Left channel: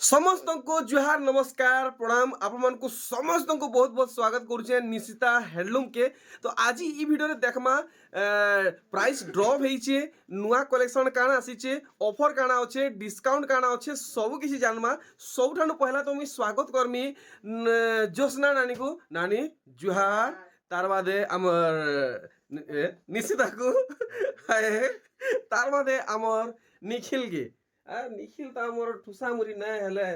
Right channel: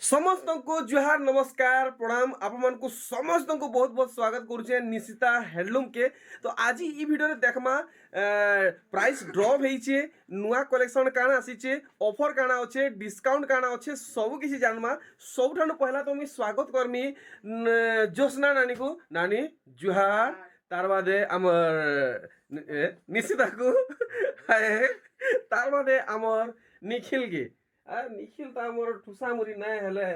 समस्त को जुहार नमस्कार प्रणाम आपण को समस्त को बहुत बहुत स्वागत करुचे निशिता हैंडलूम के। तो आज ई वीडियो रे देखमा प्राइस ड्रॉप होइचे नुआ कलेक्शन काना आसीचे ऑफर काना अच्छे डिस्काउंट काना अच्छे सब किसी जानमा। सबठानु पहला तो मुई स्वागत करमी जोस्ना नानी को। नानी जुहार तार बादे आमर निशिता को तार बादे आमर निखिल के निखिल तो आमर ठुसामुरी नाय हेले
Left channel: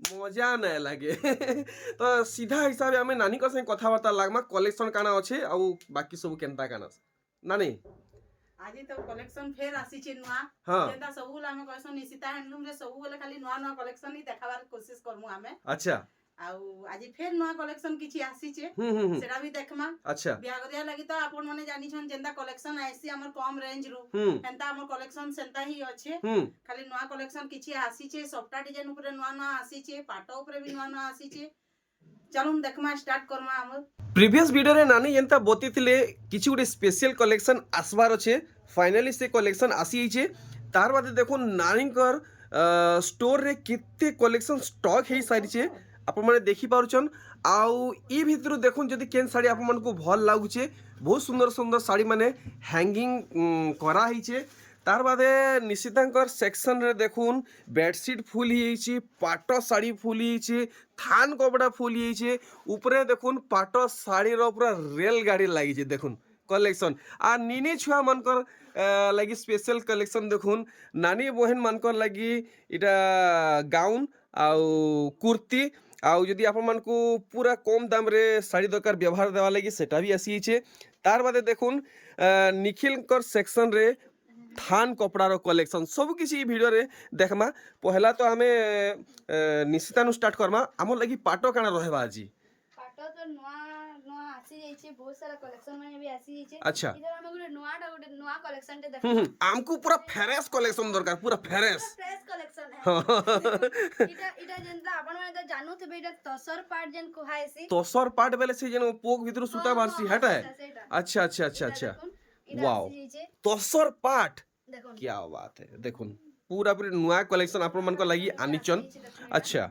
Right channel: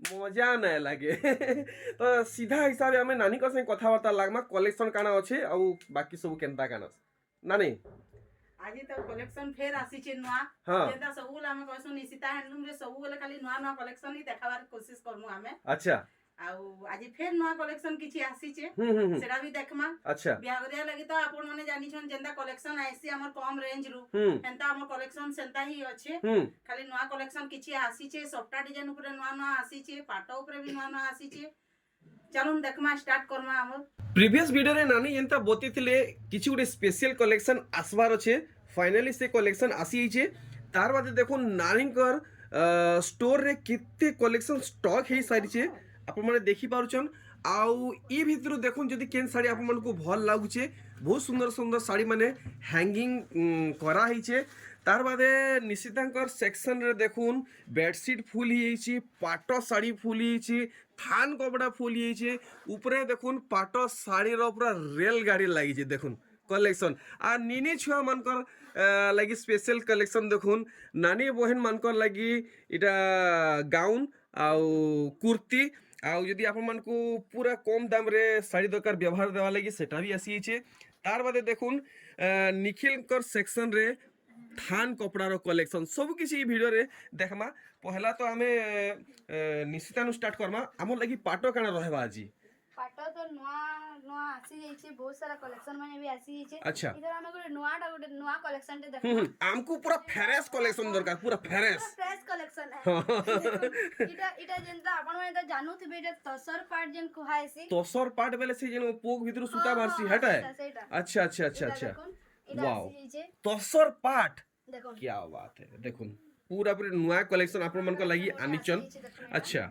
मजा नाय लागे तो सीधा हिसाब आम नानी संगे कथबार्ता लागमा कलेक्शन काना अच्छे आउ बाकी सब केनता काना नानी आज तो कलेक्शन फेर आसीचे नुआ हाँ जेंता सबुल हमें कहसो निशिता हैंडलूम रे सबु बेले खाली नुआ नुआ कलेक्शन ही देखाबार कोशिश करमु हमें। अच्छा आउ आज फेर नुआ कलेक्शन किछि आसीचे सेरा भी देखमा। अच्छा बियागरिया लागि तो आपन माने जानि छन जेंता कलेक्शन आइसी हमर कम रेंज रु एंता हमर कलेक्शन सेंता ही अच्छे खाली नुआ कलेक्शन किछि आसीचे सफ्टा डिजाइन ऊपर नुआ नुआ आसीचे पाटो ऊपर भी नुआ नुआ आसीचे। चलून देखमा स्टार्ट करमा हमर प्रीवियस वीडियो रे नानी एंता बतिथिले किछि गुटे स्पेशल कलेक्शन आसबार अच्छे फाइनली से कलेक्शन आसी हिचे। तार बादे देखो नानीकर स्टोर रे केते कलेक्शन स्टॉक हे सारिचे आपण माने देखि पारुछन। आउ ई भितरु देखुन जदि केन साड़ी आपण मन को भल लागुचे बहुत सुंदर सुंदर साड़ी माने हैंगिंग करा हिचे। तार बादे निशितांकर सेक्शन रे देखुन बेडशीट फुल हिची पाटो साड़ी फुल हिची थान कपड़ा फुल हिची ऊपरे देखुन पाटो साड़ी रो पूरा रेल गाड़ी लागि जे देखुन कलेक्शन आ निनी छुआ मनकर लगी स्पेशल कलेक्शन देखुन नानी बहन मनकर लगी इटा गाउन आउ कुर्ती आउ जदि आपण मन को पूरा कम दाम रे साड़ी दरकार व्यवहार देवा लगी सेटा भी आसी छे। तार बादे देखुन निखिल कर सेक्शन रे थान कपड़ार कलेक्शन सब किसी वीडियो रे देखमा। पहला तो हमें निशिता नु स्टार्ट करमा हमर लगी पाटो काना रहबा आज पाटो तो नुआ नुआ आसी जाइछे बहुत सारा कलेक्शन माने भी आसी जाइछे। अच्छा इधर हम गुटे नुआ कलेक्शन ते देखो हमको पूरा फ्रेश कलेक्शन दरकार पूरा फ्रेश कलेक्शन है इटा इटा जेंता आपण माने तो जानू थिबे इटा तसर पार्ट जेन कुहायसी तसर पार्ट बेले से जेन पोक भीतर सूता बारसी हटा है। अच्छा अच्छा अच्छा अच्छा वाओ तसर पार्ट देखो क्या बात है देखुन पूरा पूरी नुआ कलेक्शन आपण मन को लगी आनिचन। अच्छा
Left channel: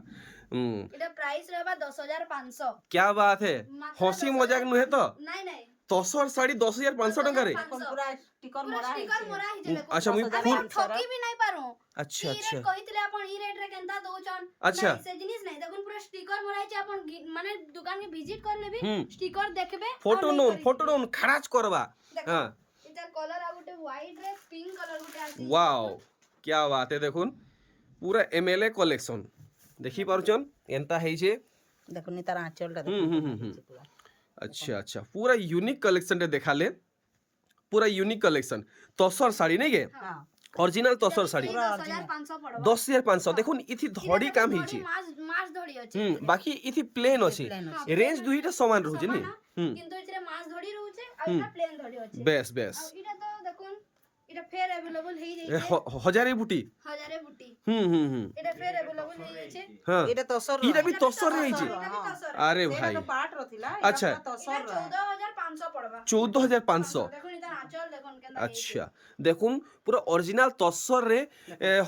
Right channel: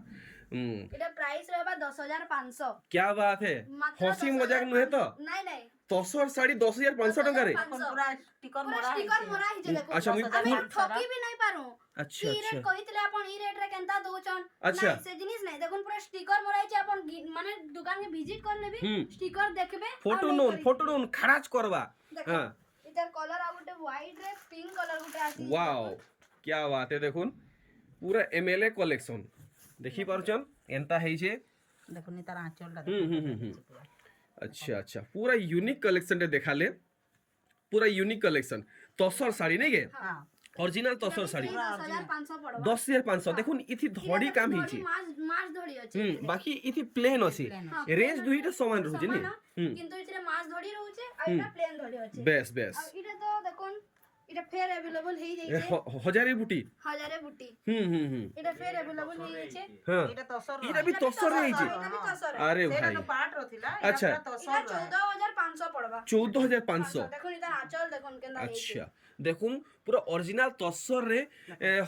इटा प्राइस रहबा 10500 क्या बात है हंसी मजाक नुहे तो नहीं नहीं तसर साड़ी 10,500 टका रे पूरा स्टिकर पूरा मरा स्टिकर मोरा ही जे देखो अच्छा मुई हमें ठोकी भी नहीं पारू। अच्छा ई रेट अच्छा कहितले आपण ई रेट रे केनता दोचन अच्छा। नहीं से जिनिस नहीं देखुन पूरा स्टिकर मोरा छै आपण माने दुकान के विजिट कर लेबी स्टिकर देखबे फोटो नोन खराच करबा। हां इधर कलर आ गुटे व्हाइट रे पिंक कलर गुटे आसी वाओ क्या बात है देखुन पूरा एमएलए कलेक्शन देखि पारुचन एंता है जे देखुनी तार आंचलटा अच्छा अच्छा पूरा यूनिक कलेक्शन रे देखाले पूरा यूनिक कलेक्शन तसर साड़ी नहीं के ओरिजिनल तसर साड़ी 10500 पड़बा 10,500 देखुन इथि धड़ी काम हिची मास धड़ी अछि बाकी इथि प्लेन अछि रेंज दुईटा समान रहू जे नी किंतु इथरे मास धड़ी रहउचे आ इटा प्लेन धड़ी अछि बेस बेस इटा तो देखुन इटा फेर अवेलेबल हेई जाइछे हजारे बुटी हजारे बुटी हम्म इटा फेर अवेलेबल हेई जाइछे। हां एटा तसर इटा भी तसर रे हिची इटा भी तसर अरे भाई तो पाट रथिला अच्छा इटा 14500 पड़बा 14,500 देखुन इटा आंचल देखुन केना अच्छा देखुन पूरा ओरिजिनल तसर रे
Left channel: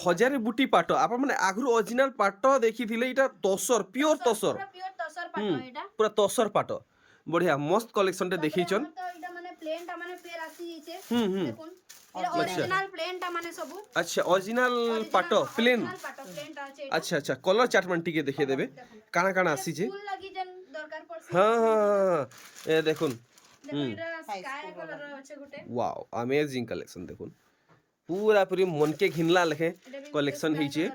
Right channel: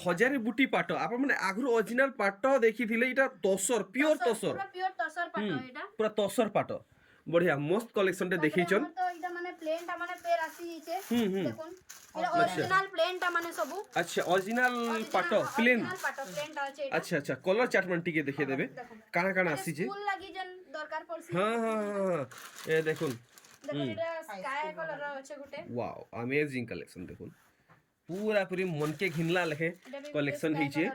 हजारे बुटी पाट आप माने आगु ओरिजिनल पाट देखि थिले इटा तसर प्योर तसर पूरा प्योर तसर पाटो इटा पूरा तसर पाट बढ़िया मस्त कलेक्शन टे देखिछन। तो इटा माने प्लेन टा माने फेर आसी जाइछे देखुन इटा ओरिजिनल प्लेन टा माने सबु अच्छा ओरिजिनल पाट प्लेन पाटो प्लेन टा अछि अच्छा अच्छा कलर चार्ट मन टिके देखे देबे काना काना आसी जे फुल लागि जन दरकार पड़सी हां हां ए देखुन देखो इटा स्काई कलर अछि गुटे वाओ अमेजिंग कलेक्शन देखुन पूरा पूरी मन के घिनला लेखे कलेक्शन हिचे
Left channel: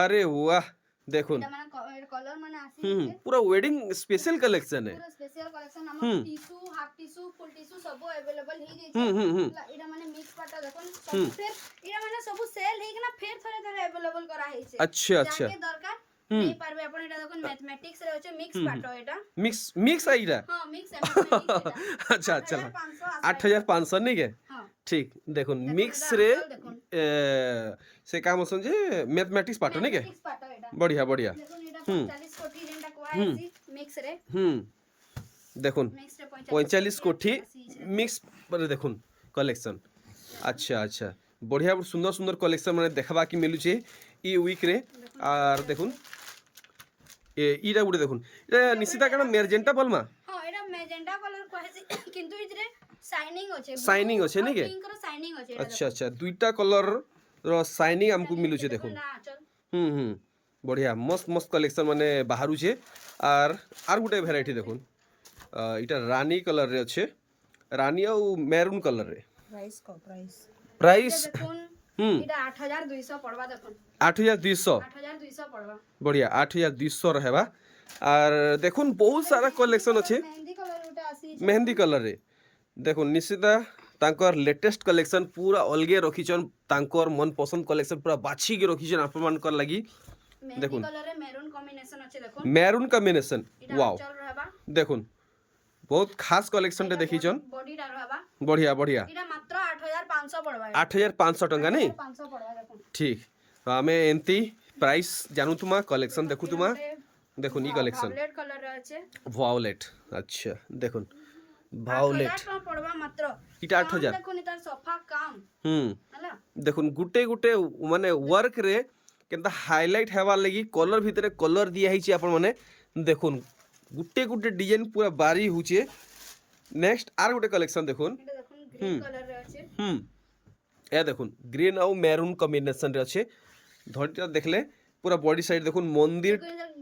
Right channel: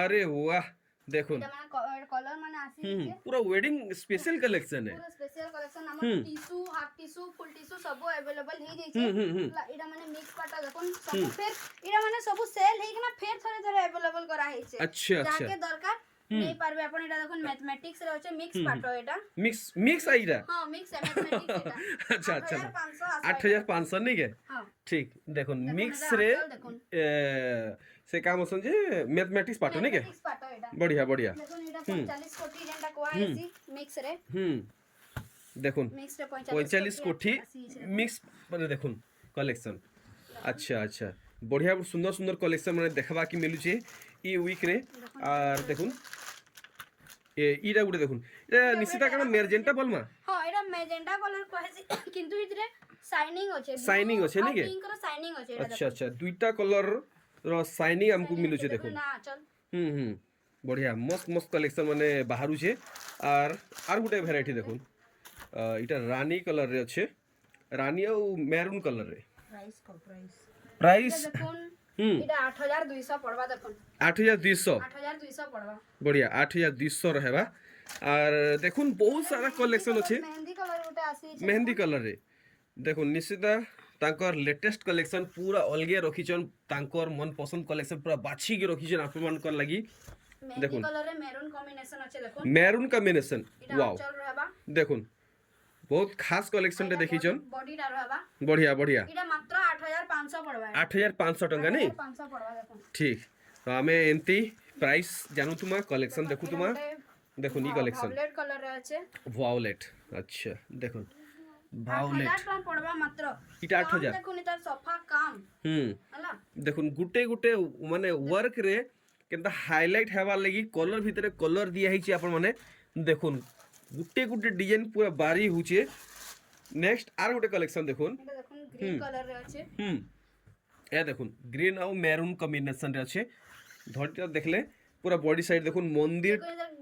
अरे वाह देखुन इटा माने कलर माने आसी जाइछे पूरा वेडिंग स्पेशल कलेक्शन है पूरा स्पेशल कलेक्शन हमर tissue half tissue full tissue सब अवेलेबल हेई जाइछे। इटा माने मिक्स पाटा देखुन सब फेर इटा माने सब सेल हेई ना फेर थरे थरे अवेलेबल करा हेइछे अच्छा अच्छा जाके दरकार नहीं पारबे अपन इटा देखुन मैथमेटिक्स रे होचे मिक्स पाटो एटा मिक्स आइरा हां मिक्स मैथमेटिक्स एटा अच्छा अच्छा 8500 8,500 नहीं के हां ठीक देखुन मिक्स रे से काम असन जे मैथमेटिक्स पाटो नहीं के मिक्स पाटो एटा बढ़िया बढ़िया देखुन इटा 45 कोटी जेंटा कोआ आसी मिक्स रे देखुन मिक्स रे 45 कोठी मिक्स पर देखुन कलेक्शन अच्छा अच्छा बढ़िया सुंदर सुंदर कलेक्शन माने देखबा कि मिलुचे ଇ ୱିକ୍ରେ আর দেখুন ইটা গুটে দেখুন এটা নিশ্চিত কারণ মেজেন্টা বলমা হ্যাঁ এটা ম্যাজেন্টা কালার কহেছি কিন্তু ইতরে শাইনিং আছে শাইনিং আছে নাকি পিঙ্ক র শাইনিং আছে আচ্ছা আচ্ছা দুইটা কলর র শাইনিং আমকু মিলুছে দেখুন না চল হুম বঢ়িয়া মস্ত মস্ত কালেকশন মানে বাহারুছে আর গোটে ভ্যারাইটি দেখুন এটা রানী কলর রে আছে রানী আর মেরুন কলর রে প্রাইস দেখুন এটা 8200 পড়বা দেখুন 8200 8200 পড়বা বঢ়িয়া 8200 রহেবা আর দেখুন বহুত সারা কলেকশন আছে মেহেন্দি কালার গোটে আসি মেহেন্দি কলর রে দেখুন নিশ্চিতা তাঙ্কর লেটেস্ট কলেকশন পুরা অলগে রখিছন তাঙ্কর মন পছন্দ কলেকশন পুরা বাছিকি রখিছন আপনার লাগি মেহেন্দি কালার রে মেরুন কম্বিনেশন আছে দেখুন মেরুন কম্বিনেশন এটা ওয়াও চল রহবা দেখুন বহুত খাস কলেকশনটা দেখিছন বডিটা রহবা বঢ়িয়া বঢ়িয়া এটা মাত্র 8500 পড়বা 8500 টঙ্কা নেই 500 পড়বা দেখুন ঠিক তো আমি এমতি প্রাইস জানু তুমা কলেকশন দেখু তুমা দেখুন ই কলেকশন ভায়োলেট কালার রে আছে ভায়োলেট আচ্ছা দেখুন ভায়োলেট 8000 টাকা পড়বা মাত্র এটা 8000 দেখুন এটা সফা কাম হলা দেখুন গুটে গুটে মানে ওয়ার্ক রে কেনতা হাইলাইট হেবার লাগি কলর ভিতরে কলর দিয়া হইছে আপন মানে দেখুন গুটে গুটে ডিজাইন পুরা বারি হউছে নেক্সট আর গুটে কালেকশন দেখুন এটা দেখুন গ্রিন কালার রে আছে এ দেখুন গ্রিন আর মেরুন কম্বিনেশন রে আছে ধরটা দেখলে পুরা বডি সাইড দেখুন মন্দির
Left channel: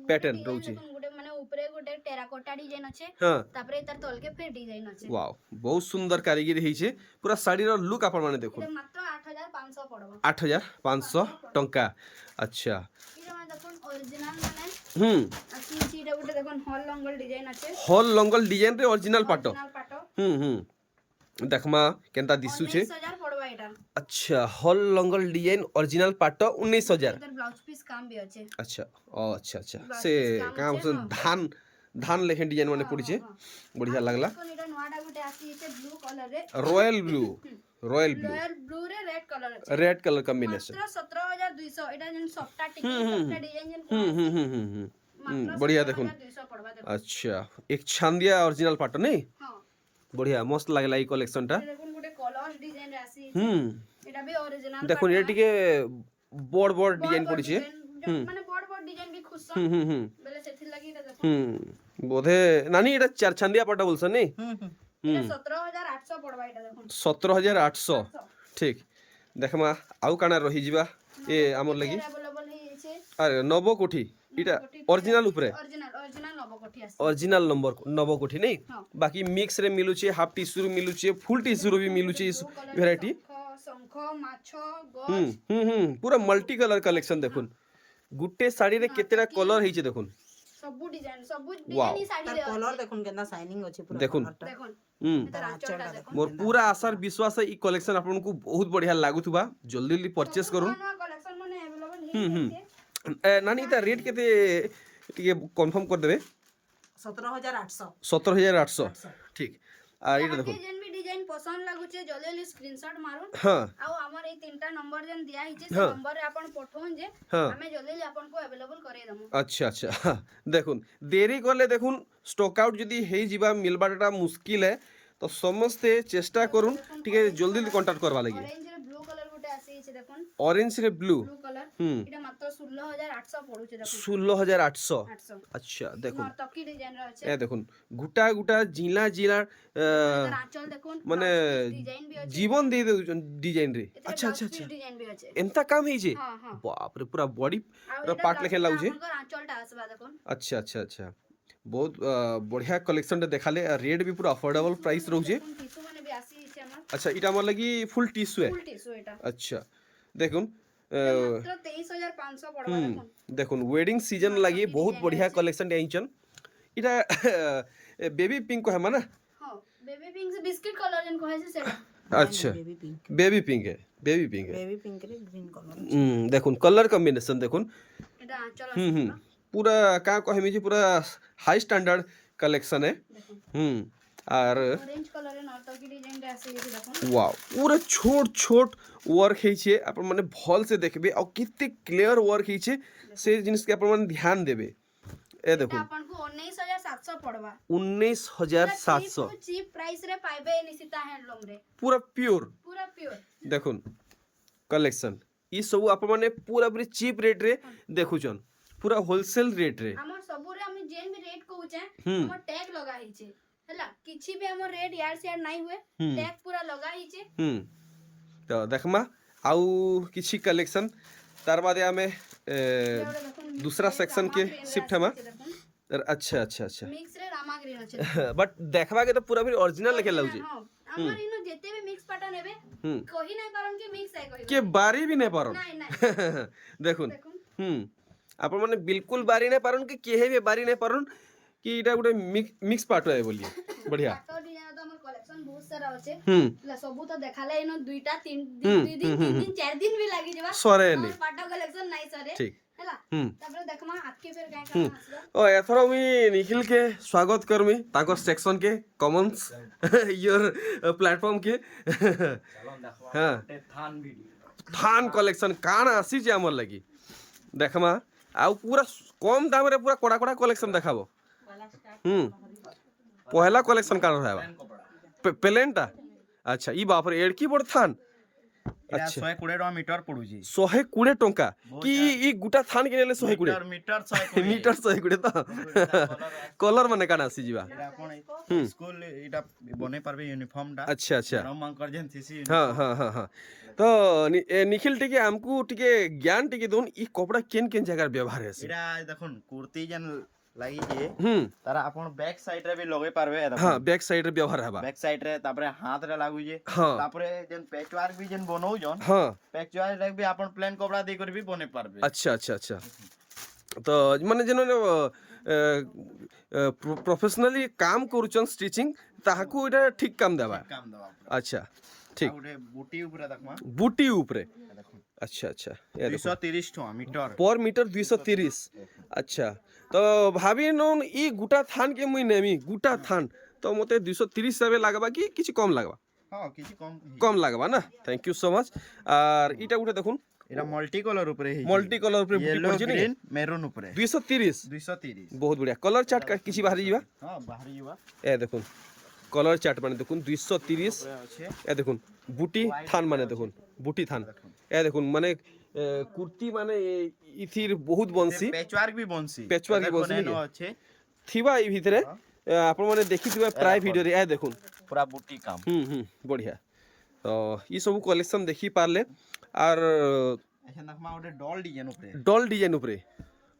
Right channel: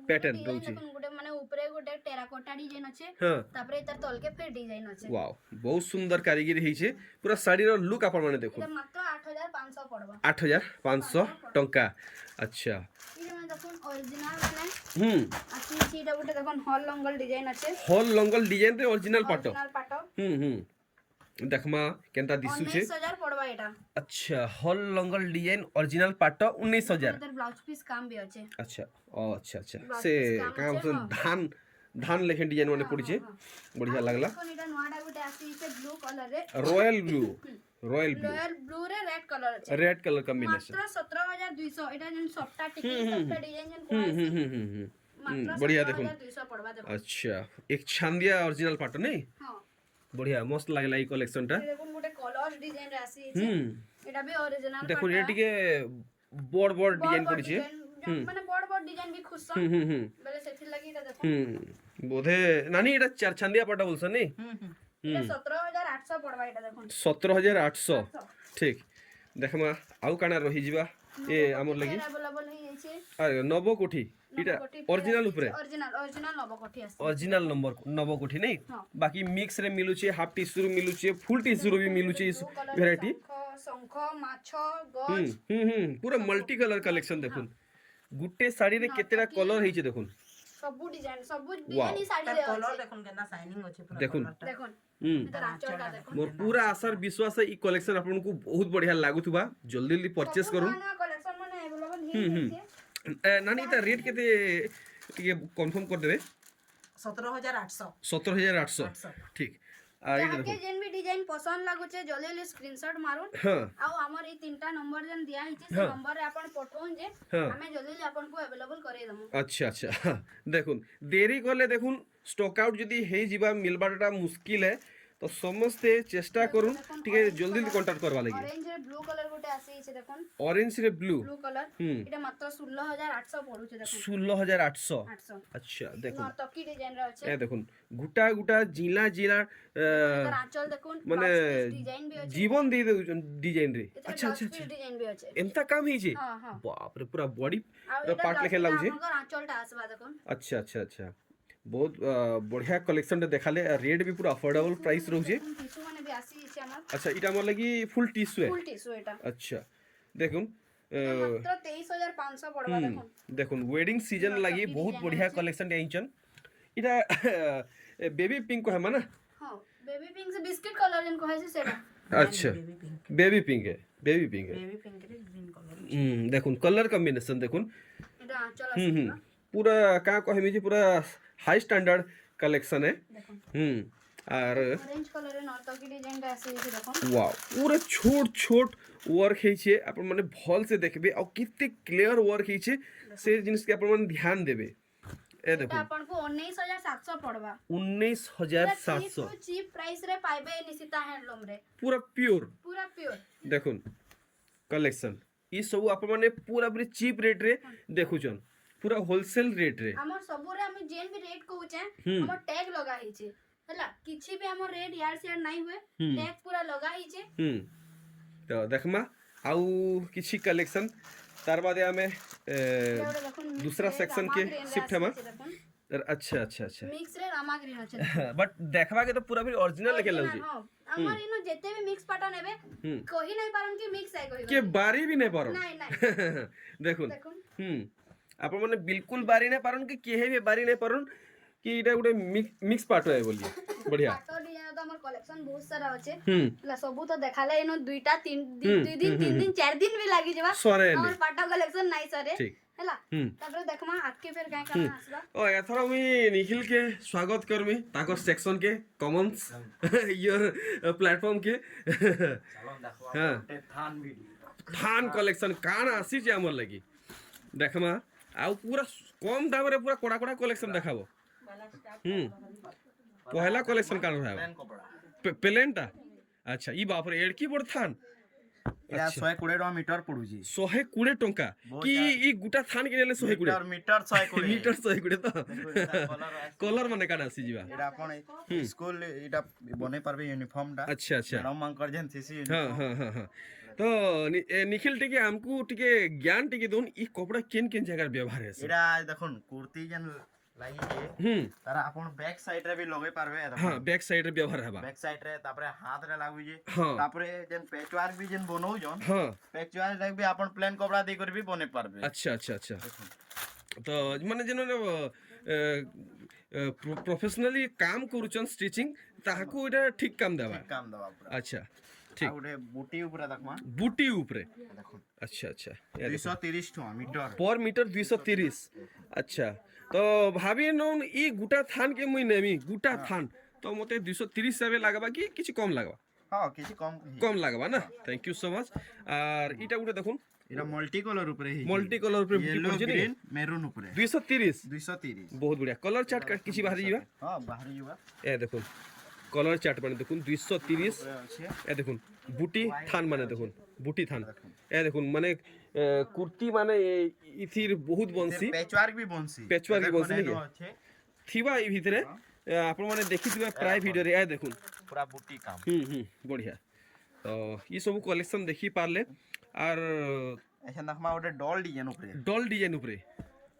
প্যাটার্ন রହୁଛି দেখুন গোটে মানে উপরে গোটে টেরাকোটা ডিজাইন আছে হ্যাঁ তারপরে তার তলকে ফির ডিজাইন আছে ওয়াও বহুত সুন্দর কারিগরি হইছে পুরা শাড়ির লুক আপন মানে দেখুন এটা মাত্র 8500 পড়বা 8500 টঙ্কা আচ্ছা এটা মানে দেখুন অরিজিনাল মানে আসি এটা গোটে দেখুন হল লঙ্গল ডিজাইন আছে হল লঙ্গল ডিজাইন রে অরিজিনাল পাটো অরিজিনাল পাটো দেখমা কেনতা দিসুছে 19000 পড়বা এটা আচ্ছা হল লঙ্গল ডিজাইন অরিজিনাল পাটো 19000 এটার ব্লাউজ পিস কাম বি আছে আচ্ছা ও আচ্ছা আচ্ছা সে কাম ধান ধান লেখেন ডিজাইন মানে পড়িছে বঢ়িয়া লাগলা কোন এটা নোয়াটা গোটে আসি এটা ব্লু কালার রে রয়্যাল ব্লু রয়্যাল ব্লু রে রেড কালার আছে রেড কালার কম্বিনেশন মাত্র 17200 এটা যেন সফটা টিকি সফটা ডিজাইন যেন কোন মাত্র बढ़िया देखुन 17200 পড়বা দেখুন अच्छा एक छांदिया ओरिजिनल पाटो नहीं হ্যাঁ बढ़िया मस्त लागला ई कलेक्शन टा এটা দেখুন গোটে কলর ডিজাইন রে আসি এটা বি অরিজিনাল देखुन ये टिके বড় বড় ডিজাইন পড়িছে মানে বড় বড় ডিজাইন বি খুশ বলে সেথির লাগি এটা দেখুন বোধে নানি এটা চার ছান্দিয়া পাটা বলছ নি এটা 17800 পড়বা এটা দেখুন 17800 ঠিক দেখমা আউ কানা রহি যিবা এ আমর লাগি अवेलेबल হে আছে আরে নব কোঠি এটা অরিজিনাল উপরে অরিজিনাল নবকটি আছে অরিজিনাল নম্বর নব কোঠি নাই বাকি মিক্স রে মিলুছে হাফ টিস্যু রে মিলুছে ফুল টিস্যু রে भी মিলুছে ভ্যারাইটি শঙ্খ মাছ গজ পুরা মাল্টি কালার কালেকশন দেখুন গুটে শাড়ি রে কেতেটা কালার হইছে দেখুন সবু ডিজাইন ই শাড়ি রে কলর দেখুন কেনা শাইনিং আছে পুরা দেখুন দেখুন এটা আঁচলটা দেখুন মোর পুরা আশার বিশ্বাস এই কলেকশন আপনাଙ୍କୁ বহুত বঢ়িয়া লাগুথিবা জলদি জলদি परचेस করুন কলেকশন মানে अवेलेबल হে নানি তা রেট কেতে টিকে কনফার্ম করে দেবে 17800 17800 ঠিক আর এটা দেখুন যেন বি ডিজাইন পছন্দ লাগুছে জলদি জলদি স্ক্রিনশট মারুন হ্যাঁ আর আমার এই তিনটা নম্বর যেন দিয়া হইছে সে নম্বরে আপন পঠাউন যে আমি জলদি জলদি আপনকু अवेलेबल করে দেমু আচ্ছা আচ্ছা দেখুন দেরি করলে দেখুন স্টক আউট যদি হেই যিবা মিলবাটা মুশকিল है তো সমস্তে চেষ্টা করুন টিকে জলদি জলদি কন্টাক্ট করবা লাগি অরেঞ্জ রে ব্লু কালার গোটে আসিছে দেখুন অরেঞ্জ রে ব্লু ব্লু কালার এটা মাত্র 16800 পড়ুছে দেখুন 16800 800 আচ্ছা দেখুন নর্তকি ডিজাইন রে আছে এ দেখুন গুটা গুটা জিলা জিলা এটার আঁচল দেখুন মানে ডিজাইন বি আছে জীবন দিয়ে দেউছন ডিজাইন রে আচ্ছা আচ্ছা আচ্ছা ডিজাইন বি আছে এমতা কাম হইছে হ্যাঁ হ্যাঁ বাপ রে পুরা বডি আর পার্ট লেখে লাগুছে আমার আঁচলটা আসবা দেখুন अच्छा अच्छा अच्छा बहुत बढ़िया कलेक्शन देखाले रेट भी पूरा अफोर्डेबल प्राइस रहुचे টিস্যু মানে বি আসিছে আমার अच्छा इटा हमर लगी फुल टिश्यू है ফুল টিস্যু এটা अच्छा देखुन মাত্র 23500 পড়বা দেখুন देखुन वेडिंग सीजन लगी बहुत बढ़िया कलेक्शन आइचन इटा बेबी पिंक को है माना হ্যাঁ বেবি পিঙ্ক বিস্কিট কালার যেন কইছে সেটা अच्छा बेबी पिंक है बेबी पिंक है বেবি পিঙ্ক রে গ্রিন কলর देखुन कलर कॉम्बिनेशन देखुन এটা আঁচল আছে पूरा का कहमी जी पूरा हाई स्टैंडर्ड कलेक्शन है দেখুন और অরেঞ্জ কালারের নর্তকি ডিজাইনটা আসিছে দেখুন वाओ पूरा छोट छोट वर्क ହେଇছে ଆପଣ ମାନେ ଭଲ ସେ দেখবে ଆଉ କେତେ କ୍ଲିୟର ୱାର୍କ ହେଇছে ସେ ଜିନିଷ କେ ଆପଣ ମାନେ ଧ୍ୟାନ ଦେବେ ଏ এটা ଦେଖুন ଆପଣଙ୍କୁ 19700 ପଡବା 19700 চিপ প্রাইস রে পাইবে নিশিতা হ্যান্ডলুম রে पूरा प्योर পুরা পিওর দেখুন कलेक्शन ଇ ସବୁ ଆପଣ ମାନେ ପୁରା ପୁରି ଚିପ୍ ରେଟ୍ ରେ ଦେଖୁଛନ୍ ପୁରା ହୋଲସେଲ ରେଟ୍ ରେ हमर सबुरे हम जेन भी रेट कहूचे हम्म। हमर टैग लगा हिचे हला किछि भी हमर रेट यार से यार नहीं हुए हम्म। टैग पूरा लगा हिचे ତ ଦେଖମା ଆଉ କିଛି କଲେକ୍ସନ ତାର ବାଦେ ଆମେ दूसरा सेक्शन के शिफ्ट हमा अच्छा अच्छा अच्छा मिक्स रे रामा ग्रीन अछि बट देखबा के तो पूरा भी ओरिजिनल लेके लाउची हमर इनो जेते भी मिक्स पाटा नेबे कहि नहीं पारन कि मिक्स है कहि के बारी भी नहीं पारन नहीं नहीं देखुन देखुन आपण माने बिल्कुल बारी नहीं पारन कि केहे भी बारी नहीं पारन कि इटा गुटे मिक्स पाटो है बोलिए बढ़िया पाटो डिजाइन तो हमर कलेक्शन बहुत सारा अछि ला सबु तो देखाले इनो दुईटा तीन दिन 4 दिन भी लागी जेबा सरे हमर पाटो कलेक्शन नहीं सरे ठीक हला तबरे देखमा आके फिर काहे काहे आसला ओ एथरो मी निखिल के स्वागत करमी ताको सेक्शन के कॉमन्स योर प्लेटफॉर्म के हां थान कलेक्शन कान आसी जे हमर लगी देखमा आ पूरा कम दाम रे पूरा कोड़ा कोड़ा कलेक्शन देखाबो पहला कलेक्शन कान रहबा प्लेनटा अच्छा ई बाप रे एडकी बड़ थान एरा 120 टका मीटर पडुजी 120 टका कि ई गुटा थान के नेले 120 मीटर 120 मीटर 120 तो कलर माने काना आसी जीवा एरा आपण स्कूल एटा बने परबे यूनिफॉर्म टा अच्छा अच्छा राम अंकर जेन सीसी हां हां हां हां तो निखिल टिके हमकू टिके ज्ञान टिके दोन ई कपड़ा केन केन जगह व्यवहार है एरा देखुन कुर्ती जेन लागि जे तारा आपण बैक साइड रे भी लगे पारबे हां बैक साइड रे व्यवहार हबा बैक साइड रे तापरे हाथ रे लागु जे हां तापरे जेन पैचवर्क भी जेन बनौ जन हां पैचवर्क लाग भी आपण प्लेन कपड़ा दे कर भी बने पारबे अच्छा अच्छा अच्छा तो माने जेन प्रोफेशनली काम करूचन स्टिचिंग ताहाकू एटा ठीक काम देबा काम दवा अच्छा ठीक आउडे बूटी ऊपर देखमा बूटी ऊपरे देखो अच्छा अच्छा ये देखो 230 टका मीटर पर मीटर 230 अच्छा तो भाभी नोन ई गुटा थान के मुई नेमी गुटा थान तो मते 230 सेवे लागबा कि किछि कम लागबा हां किछि कम लागबा ना थैंक यू सो मच और इटा गुटे देखुन एरा मल्टी कलर ऊपर है मल्टी कलर ऊपर बुटी पड़छि नि मेरून ऊपर 230 230 बहुत बढ़िया कलर चार्ट का किछि बाहरी जीवा हां बाहरी जीवा ए देखुन कलर चार्ट माने देखुन 230 ए देखुन बुटी थान माने देखुन बुटी थान ए देखुन माने कुर्ती माने इथिर बहुत बंसी पैचवर्क भी बंसी नि के थिबा ई भितरे आपण माने देखि थिबा प्राय वीडियो रे ए देखुन पूरा बुटी काम बढ़िया तो ई सब कलेक्शन देखि पारले और ऐसा नखमा ओटे डॉल डिजाइन ऊपरे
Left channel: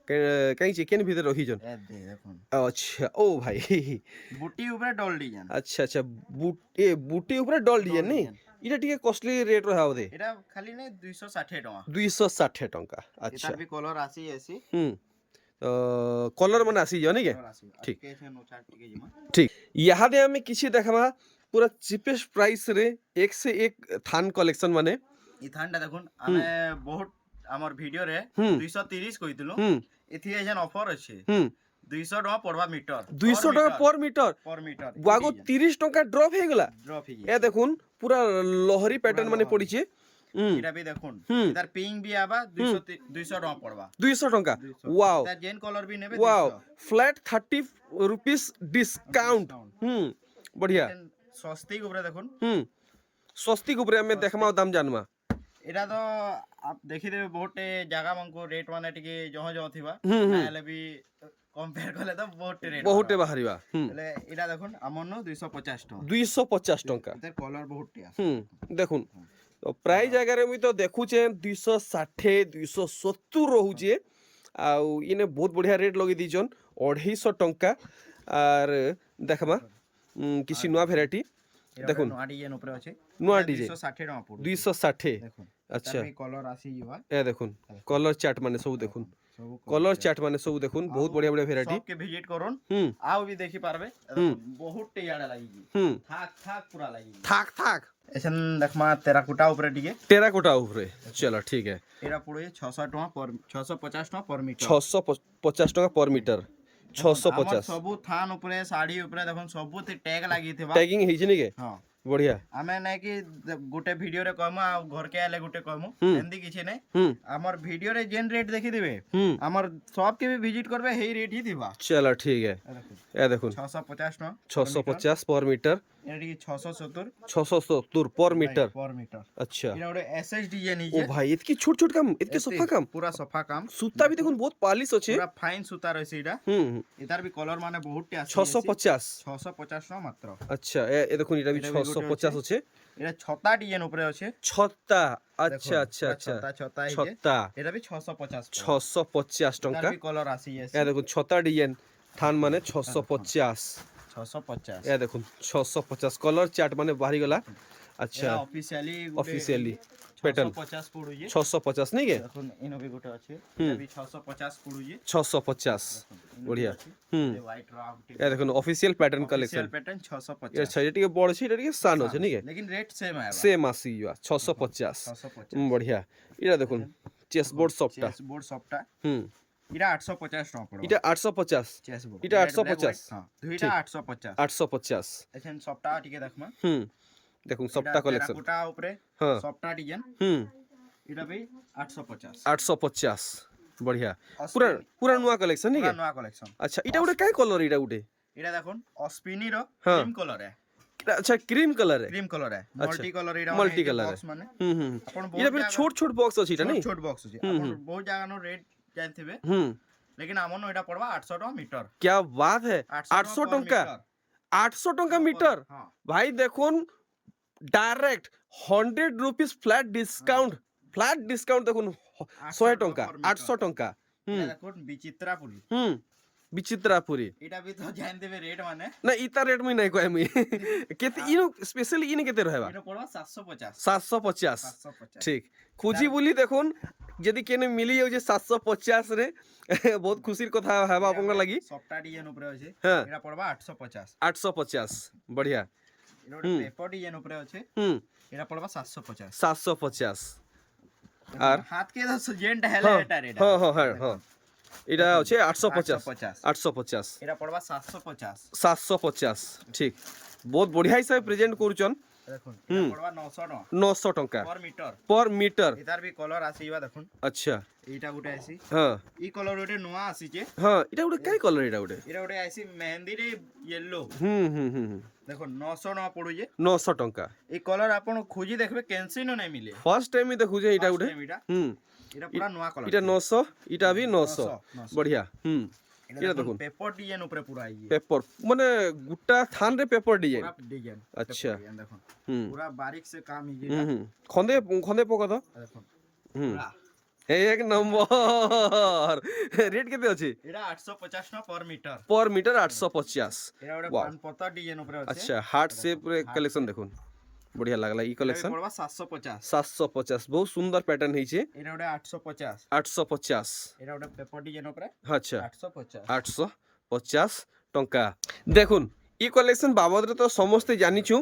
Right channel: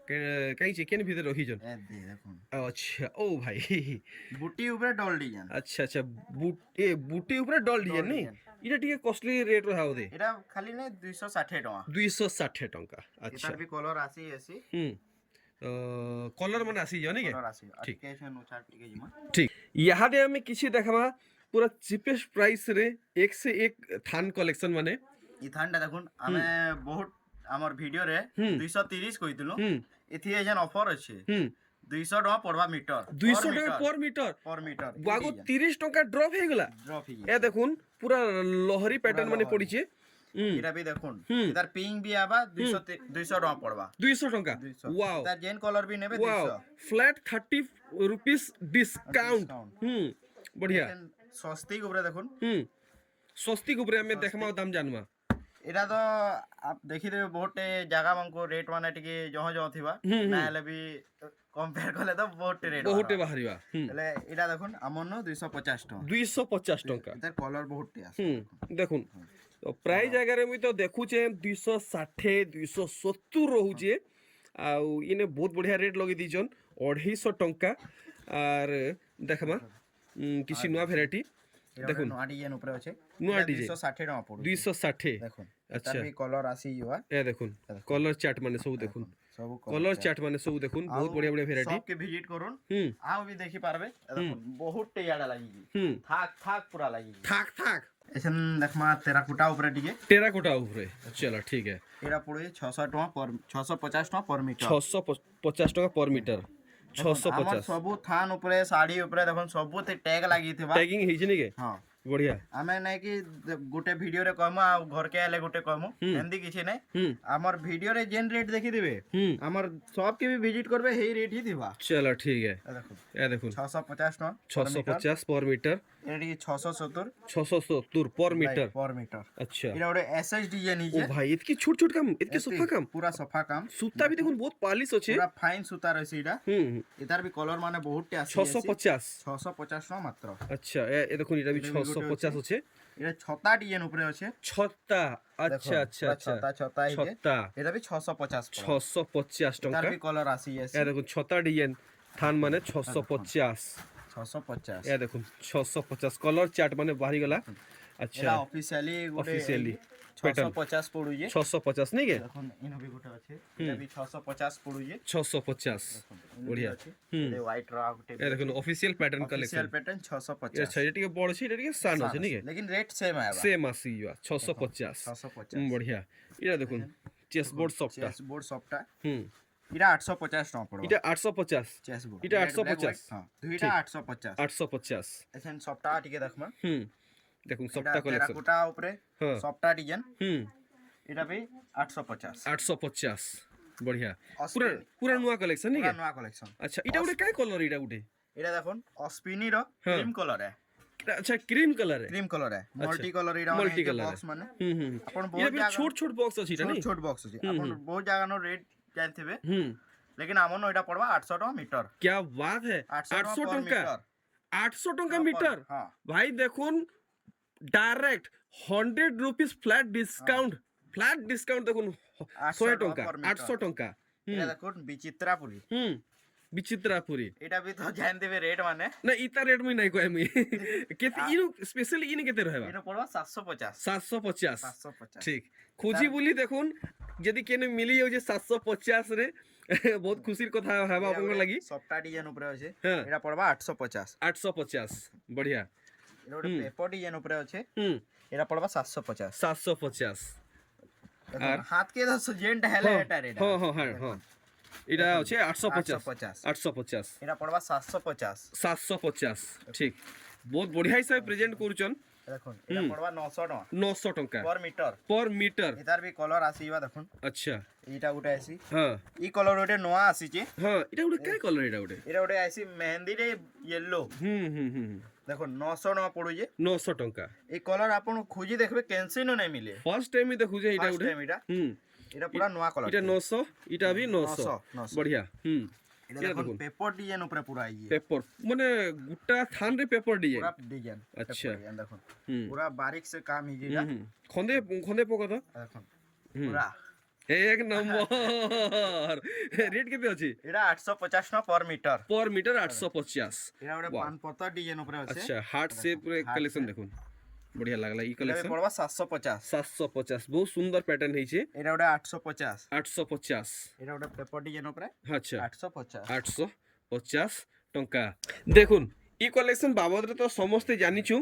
कहीं चिकन भीतर रही जन ए दे देखुन अच्छा ओ भाई बुटी ऊपर डॉल डिजाइन अच्छा अच्छा बूटी ऊपर डॉल डिजाइन नहीं इटा टिके कॉस्टली रेट रहा होदे एटा खाली ने 260 टका 260 टका अच्छा एटा भी कलर आसी ऐसी कलर मन आसी जनी के कलर आसी ठीक कैसे नोचार टिके जिमा ठीक यहाँ दे हमें किसी देखमा पूरा चीपेस्ट प्राइस रे एक से एक थान कलेक्शन माने ई थानटा देखुन हमें बहुत हमर वीडियो रे 230 कहितलो एथि एजन ऑफर अछि 200 टका पड़वा मीटर 200 टका पर मीटर वागो 30 टका ड्रॉप हे गला ए देखुन पूरा लहरी पैटर्न माने पड़ी छे एटा भी देखुन इधर पिंक भी आबा 200 टका पड़वा 200 टका वाओ इधर जेन कलर भी नेबे वाओ फ्लैट 30 रुपीस डिस्काउंट बढ़िया सस्ती ऊपर देखुन सस्ती ऊपर हमें देखमा दाम जानमा एटा तो आप देखि देबे बहुत जगह मनको रेट माने टिके जहाँ जहाँ थिबा नाले भी कंपेयर करले तो बहुत बाहरीबा ले एटा देखुन हमन 250 टका 250 टका इधर कलर बहुत टिया देखुन तो प्राय जगह रे मी तो देखुचे 260 270 रहउचे आउ इने बहुत बढ़िया रेट लगे दीजन 250 टका और देखमा किसी नया वैरायटी देखुन नोआ डिजाइन ऊपर अछि नोआ डिजाइन 260 टका पड़ु 260 देखुन अच्छा भी कलर आसी युवा ए देखुन कलर चार्ट माने सब देखुन सब कलर चार्ट माने सब देखुन बहुत बढ़िया बढ़िया वैरायटी सबके विजिट करूँ आओ भी देखि पारबे बहुत टेयाडा लागी थाक पूरा लागी थाक ऐसन देखमा टेराकोटा ऊपर टिके टेराकोटा ऊपर चलो ठीक है एरा पड़े 600 टका पर 650 टका पर मीटर 650 टका पर मीटर 650 सब थान ऊपर साड़ी ऊपर देखन सब टैग लागी थिबा टैगिंग हिज नि के हां बढ़िया हमें नहीं कि गोटे वीडियो रे कहमु आ घर के आले गोटे कहमु एंदी किछि नहीं हमर वीडियो रे जेन रेट देखि देबे हमर शॉप के भी विजिट करबे हेई रेट ही दिबा चलो ठीक है देखो ए देखो 650 टका 650 पर मीटर এটা টিকে 670 670 पर मीटर पर मीटर अच्छा এটা ওটা এসএস ডিজাইন ओ হিজে भाई इतकी छोट छोट काम इतके सफा काम পুরা সফা কাম सूता भी देखो बहुत पॉलिश আছে পুরা ফাইন সুতা রয়েছে এটা এটার বি কলর মানে বহুতটি আছে 650 650 টাকা মাত্র अच्छा ए देखो এটা भी 650 আছে এটা ছতা ডিজাইন উপরে আছে ছত্তা আচ্ছা আচ্ছা আচ্ছা ছতা ছতা হিজে ছত্তা এটা বি 650 650 এটার টঙ্কা বি কলর আসি আছে এ দেখুন ছতা ডিজাইন থান মানে 650 650 এ দেখুন 650 কলর চার্ট মানে বাহারি গলা আচ্ছা এটা অফিশিয়ালি অফিশিয়ালি প্যাটার্ন 650 পড়ুছে 650 नहीं के দেখুন ইনো বি গোটে আছে এটা বি 650 পড়ুছে 650 बढ़िया এই হোয়াইট রা গোটে ये देखो official pattern official collection pattern 650 अच्छा ये टिके बड़ छै এটা টিকে সান আছে नहीं के लेकिन रेट सेम है सेम आसी युवा 650 650 बढ़िया এটা দেখুন চেস বোর্ড সফটটা চেস বোর্ড সবটা হুম এটা 850 টাকা পড়বে এটা 850 চেস বোর্ড এটা 850 হ্যাঁ দুইটা 850 850 এখন সবটা টিকে দেখবা হুম দেখুন সবটা কালেকশন কোটা উপরে হ্যাঁ সবটা ডিজাইন হুম এটা বি 850 850 बढ़िया पूरा पूरा नुआ कलेक्शन नहीं পুরা के নয়া কালেকশন अच्छा এটা উঠে কাই কলর এটা উঠে এটা দেখুন অস্পিনির হ্যাঁ। ক্রিম কলর है अच्छा क्रीम कलर है ক্রিম কলর है মল্টি কলর এটা Multi colour বক্স মানে হুম আপন এটা বহুত পুরো জায়গা ছোট ছোট বক্স আছে এটা ছোট नहीं ছোট বক্স আছে আপন বহুত জায়গা নো রেট জানথিবে হুম लेकिन আমন এটা পড়বা 800 টাকা মিটার क्या बात है 800 टंका 800 टंका मीटर হ্যাঁ भाई দেখুন ডাইরেক্ট 100 রুপিস ফ্ল্যাট ডিসকাউন্ট দেখুন 100 টঙ্কা 800 টঙ্কা এটা দেখুন বিচিত্রাপুরি হুম বিচিত্রাপুরি এটা বি তো জানথিবে রেট মানে না ইতা রেট মুই নাই কয় মুই কেতে ইনো স্পেশালি ইনে কেতে রহবা এটা পড়বা 750 750 750 ঠিক খুঁজি বলি দেখুন যদি কেনে মিলি যাଉଛି 750 রে বহুত খুশির কথা হেবা আপনার লাগি সফটটা ডিজাইন উপরে আছে হ্যাঁ এটা পড়বা 850 850 बढ़िया এটা ଗୋଟେ পেপর ডিজাইন উপরে আছে হুম এটা পড়বা 750 750 আর হাত কে দছ জেন্ট হেলে এটা রেট হ্যাঁ হ্যাঁ হ্যাঁ হ্যাঁ এটা হচ্ছে 850 850 850 এটা পড়বা 750 750 ঠিক বহুত বঢ়িয়া হিসাবে প্রেজেন্ট করছন দেখুন এটা পড়বা 900 টাকা 900 টঙ্কা पर मीटर पर मीटर এটার বি কলর আসিবা দেখুন আচ্ছা এইটা গুটে আসি হ্যাঁ ই কলর ওটে নোয়া আসিছে হ্যাঁ এটা ওটা কাই কলর এটা ওটা এটা ওটে আসি মেহেন্দি রে ইয়েলো হুম হুম হুম দেখুন 900 টাকা পড়ুছে 900 টঙ্কা এই কলর আপন খুঁজি দেখবে কেনসিনো নাই মিলে ফার্স্ট টাইম দেখুছে এটা First ওটা time এটা হুম এটা পুরা নোয়া কলর এটা 900 এটা भी 900 900 बढ़िया হুম এটা এটা দেখুন দেখুন পেপর ডিজাইন উপরে পুরা ইয়ে পেপার মানে গুটা থান রে পেপার ডিজাইন পুরা ডিজাইন আচ্ছা। দেখুন হুম পুরা বারিক সে কাম হিজে হুম হুম খন্দে খন্দে পোকা তো দেখুন হুম পুরা এক নম্বর রেট কেতে আছে এটা 850 টাকা पर मीटर पर मीटर 850 এটা ওটা Wow. পান পতা ডিজাইন উপরে আছে अच्छा हार्ट शेप कलेक्शन দেখুন बढ़िया লাগলা ই এটা कलेक्शन পড়বা 750 750 बहुत सुंदर पैटर्न ହେଇছে এটা ওটা 850 850 এটা ওটা পেপর ডিজাইন উপরে আচ্ছা 850 850 টঙ্কা দেখুন ই কলেকশন বাবদরে তো সমস্তে জানিছু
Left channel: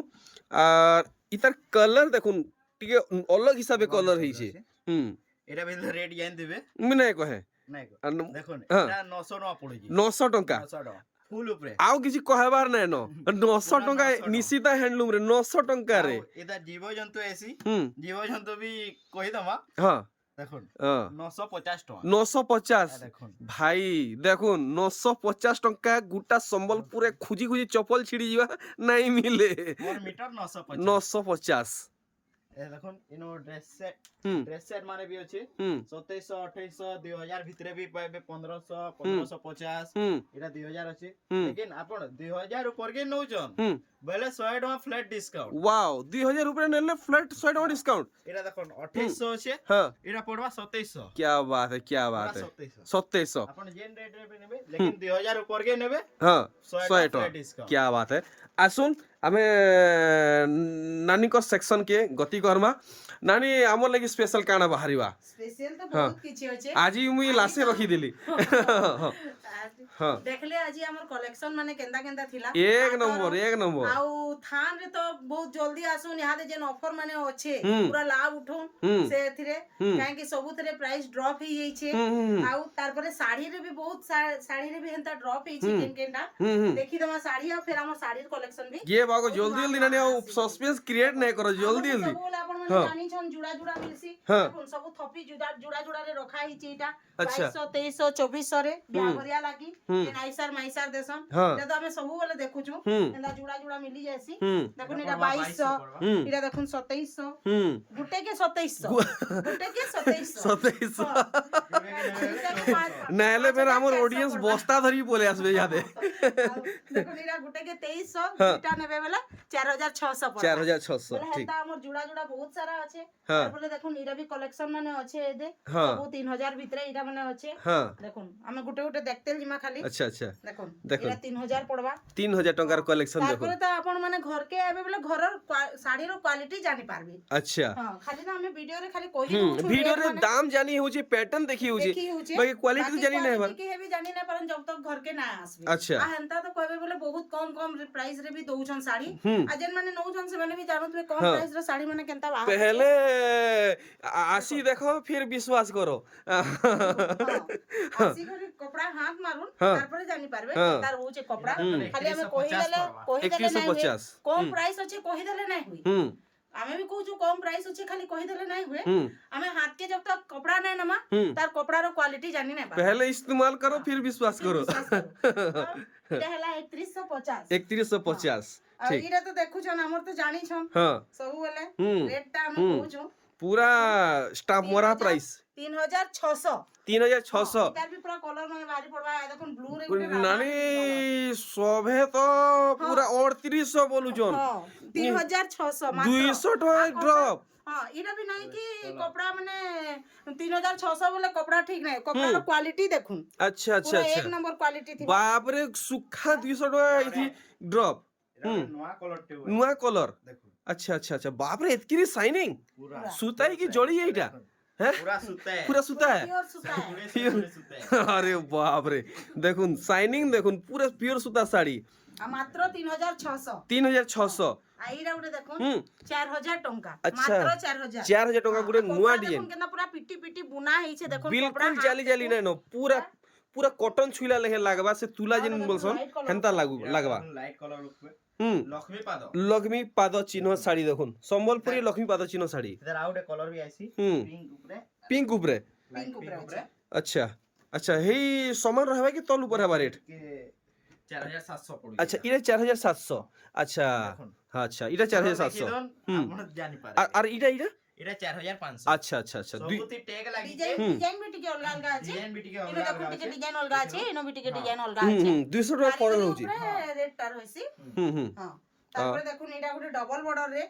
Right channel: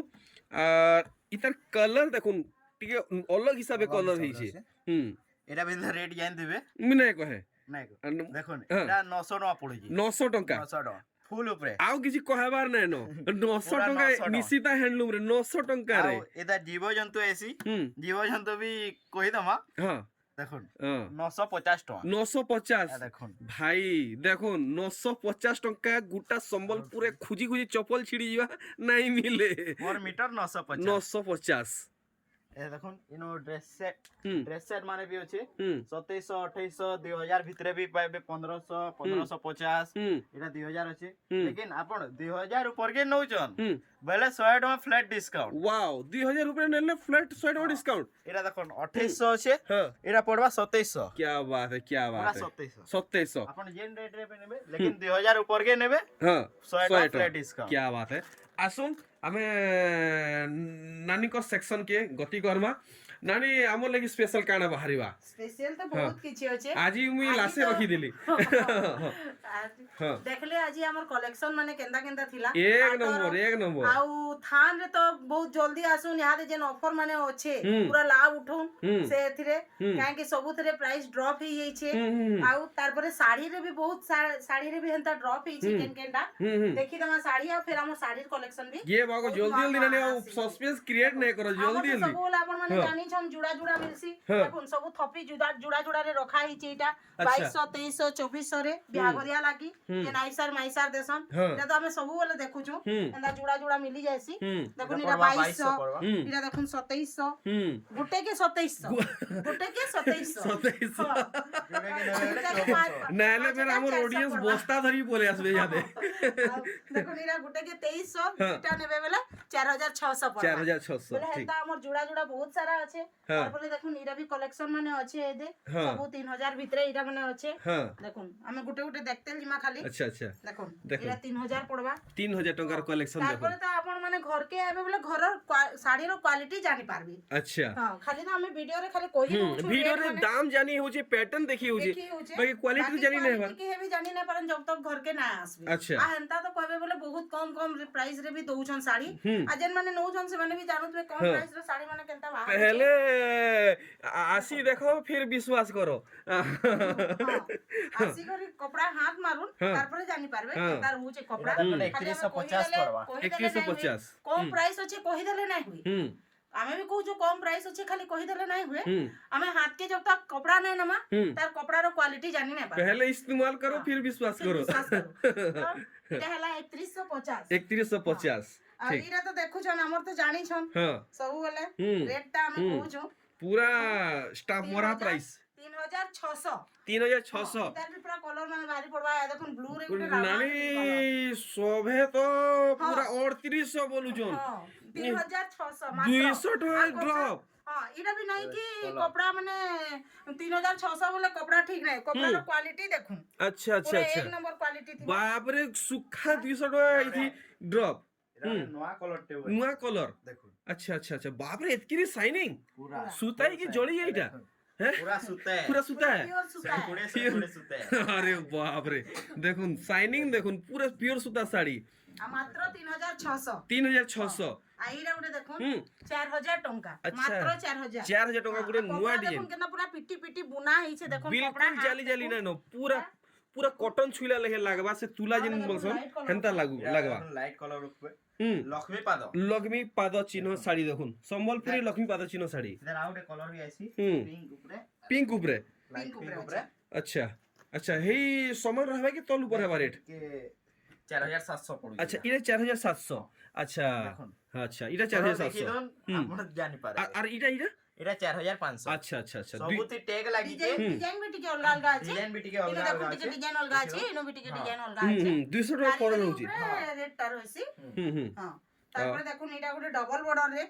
আর ইতার কালার দেখুন টিকে অলগ হিসাবে কালার হইছে হুম এটা বিন্দু রেট জান দিবে মিনে কহে নাই আর দেখুন হ্যাঁ। এটা 900 টাকা পড়ুছি 900 টঙ্কা 900 টাকা ফুল উপরে ଆଉ କିଛି କହିବାର ନାଇଁ ନ 900 ଟଙ୍କା 900 ନିଶିତା ହ୍ୟାଣ୍ଡଲୁମ୍ ରେ 900 ଟଙ୍କାରେ ଆଉ ଏଟା ଜୀବଜନ୍ତୁ ଏସି ହୁଁ ଜୀବଜন্তু ବି କହିଦମା ହଁ দেখুন ହଁ 950 টাকা 950 দেখুন ଭାଇ ଦେଖୁନ୍ 950 ଟଙ୍କା ଗୋଟା ସମ୍ବଲପୁରରେ ଖୁଜି ଖୁଜି ଚପଲ ଛିଡ଼ି ଯିବା ନାଇଁ ମିଲେ पर मीटर 950 950 ए দেখুন ইনো ହୁଁ ড্রেস সেট মানে বি আছে ହୁଁ 2700 2800 2000 ভিতরে বি পাইবে 1500 1550 ହୁଁ এটা 2000 আছে ହୁଁ लेकिन आपण 2000 ऊपर के नौचन ହୁଁ বেলে 100 টাকা ফ্ল্যাট ডিসকাউন্ট ୱାଓ 2000 ଉପରେ ନେଲେ ଫ୍ଲାଟ୍ 100 ଟଙ୍କା ଡିସକାଉଣ୍ଟ এটা দেখুন 2800 আছে ହଁ এটা পড়বা 2700 क्या बात है क्या পুরা बात है 2700 2700 आपण जेन रेट रे पे नेबे लेकिन 2000 ऊपर के नेबे ହଁ 100 100 টাকা ଟଙ୍କା ফ্ল্যাট ডিসকাউंट क्या बात है आसुन आमे नानी को सेक्शन के गति करमा नानी हमर लगी स्पेशल काना बाहरिवा स्पेशल तो बहुत किछि होचे आज मुई लासे रखी दिली हाँ देखले आज हमर कलेक्शन माने केंदा केंदा थिला एक नंबर आउ थान रे तो बहुत जल्दी आसुन यहाँ दे जेन ऑफर माने होचे हम्म। पूरा लाभ उठौन हम्म। से थिरे हम्म। काहे कि सबु थिरे प्राइस ड्रॉप ही हेचे आउ तार परे साड़ी रे भी बहुत साड़ी रे भी हेंता ड्रॉप हेचे केन केनटा देखि दमा साड़ी आ फिर हमर साड़ी कलेक्शन भी ये बागो जल्दी जल्दी नानी सस्पेंस क्रिएट नहीं करो जल्दी जल्दी सब आपण माने जानि छन जुड़ा जुड़ा मिलसी हाँ। देखुन सब थपी जुड़ा जुड़ा रे रखा हिचे एटा अच्छा। 2200 2300 2400 रे बिहागरिया वाला की ये नाइसर माइसर देसन हाँ। इटा तो हमें सब वाले देखुछु एंदा जुड़ा जुड़ा मिली जायसी देखुन इटा पड़वा 2200 पड़वा। इटा देखुन 2700 हम्म गुटे के 2700 गुटे के 2700 नाहले फिर हमर ऑडियंस बस्ता धरी बोले आसबे यादे देखुन इटा गुटे के 2300 इटा नेबे बेला 4600 पड़वा 4600 बोले ठीक हेता हमर जुड़ा जुड़ा बहुत सारा अच्छे हाँ। और बोले देखुन इरा भी कलेक्शन माने अच्छे ए दे हाँ। सब 3000 भितरे इरा माने अच्छे हाँ देखुन हमें गुटे गुटे देखते जिमा खाली अच्छा अच्छा देखुन देखुन। इरा 3000 पड़वा 3000 टंकार कलेक्शन देखो तारपरे तो आपण माने घर के आबे बोले घर साड़ी रो क्वालिटी जानि पारबी अच्छा हां खाली ना हमें वीडियो रे खाली कहि दउछु वीडियो रे दाम जानी होचे पैटर्न देखी होचे बाकी क्वालिटी जानी नहीं बार के भी जानि ना पारन जब तक घर के ना आसबे अच्छा। आ हंता तो कहबे बोले बहुत कम कम प्राइस रे भी दउछन साड़ी आ जेन माने नउछन से माने भी जानत कम प्राइस रे साड़ी माने केनता बाहर पहले आसी देखो फिर विश्वास करो आसी करी कपड़ा हाथ मारुन तारपरे जानि पारबे केनता होचे कपड़ा खाली हमें कहि देले 2150 कम प्राइस अच्छे कहि देले नहीं हुई आमे भी कहू कम प्राइस अच्छे खाली कहि देले नहीं हुए आमे हाथ के जब तक कपड़ा नहीं नमा तार कपड़ा रो क्वालिटी जानि नहीं पाबे पहले इस्तेमाल करो फिर विश्वास करो इटा हला 3150 3150 आ इरा तो देखु छन हमर तो जानि छन हाँ सब बोले रेट टा हम कहू छु पूरा स्टाफ मोरा प्राइस 3600 3600 इटा भी पूरा कलर माने भारी पड़वा है देखुन ब्लू रे गुटे नानी शोभे तो पूरा 3800 बोलू जोन 3600 200 टका ड्रॉप हाँ इरा भी नहीं कि कपड़ा माने 3600 बोले कपड़ा ठीक नहीं कपड़ा रो क्वालिटी देखुन अच्छा अच्छा पूरा एक अच्छा नंबर क्वालिटी थी बाप रे सुखा 200 टका आई थी ड्रॉप नया कलर टे नुआ कलर देखो अच्छा अच्छा अच्छा बाप रे इतनी शाइनिंग पूरा सुताई की जोड़ी है इटा हैं पूरा सूता है पूरा सुता है प्योर सूता है पूरे से पूरे सूता है अरे बाप रे देखुन शाइनिंग देखुन पूरा प्योर सुता साड़ी आ मात्र 3600 3600 आईरा उडे देखुन 4000 टंका अच्छा। मात्र 4000 4000 टका गुडे नुआ डिजाइन देखुन केना पूरा पिटी पिटी बुना है छे देखुन बिल्कुल जाली जाली नहीं नो पूरा पूरा कॉटन छुइला लेहे लागबा से तुला जिन बोलसन हेंता लागबा लाइट कलर ऊपर हम्म लक्ष्मी पादो लक्ष्मी पाद चिन्ह साड़ी देखुन संबलपुरी लक्ष्मी पाद चिन्ह साड़ी इधर आउट कलर भी आसी हम्म। पिंक ऊपर पिंक उपरे लाइट पिंक ऊपर अच्छा अच्छा हे समान रहबा कि तल ऊपर हेबा रेट के 4700 पड़ी अच्छा इटा 4700 अच्छा हाँ अच्छा इटा 4700 आपण जानि पारे और इटा इटा एटा 4500 अच्छा अच्छा अच्छा सबुती टैग लागी जे डिजाइन भी टिके अलग अलग আছে डिजाइन भी टिके इनो अलग देखुन अलग टिके আছে डिजाइन अलग আছে इनो भी टिके डिजाइन अलग আছে 200 টাকা ফরক রହୁची रेट टा रहसी हम्म हां तारपरे देखुन एटा गुटे डबल बॉर्डर रे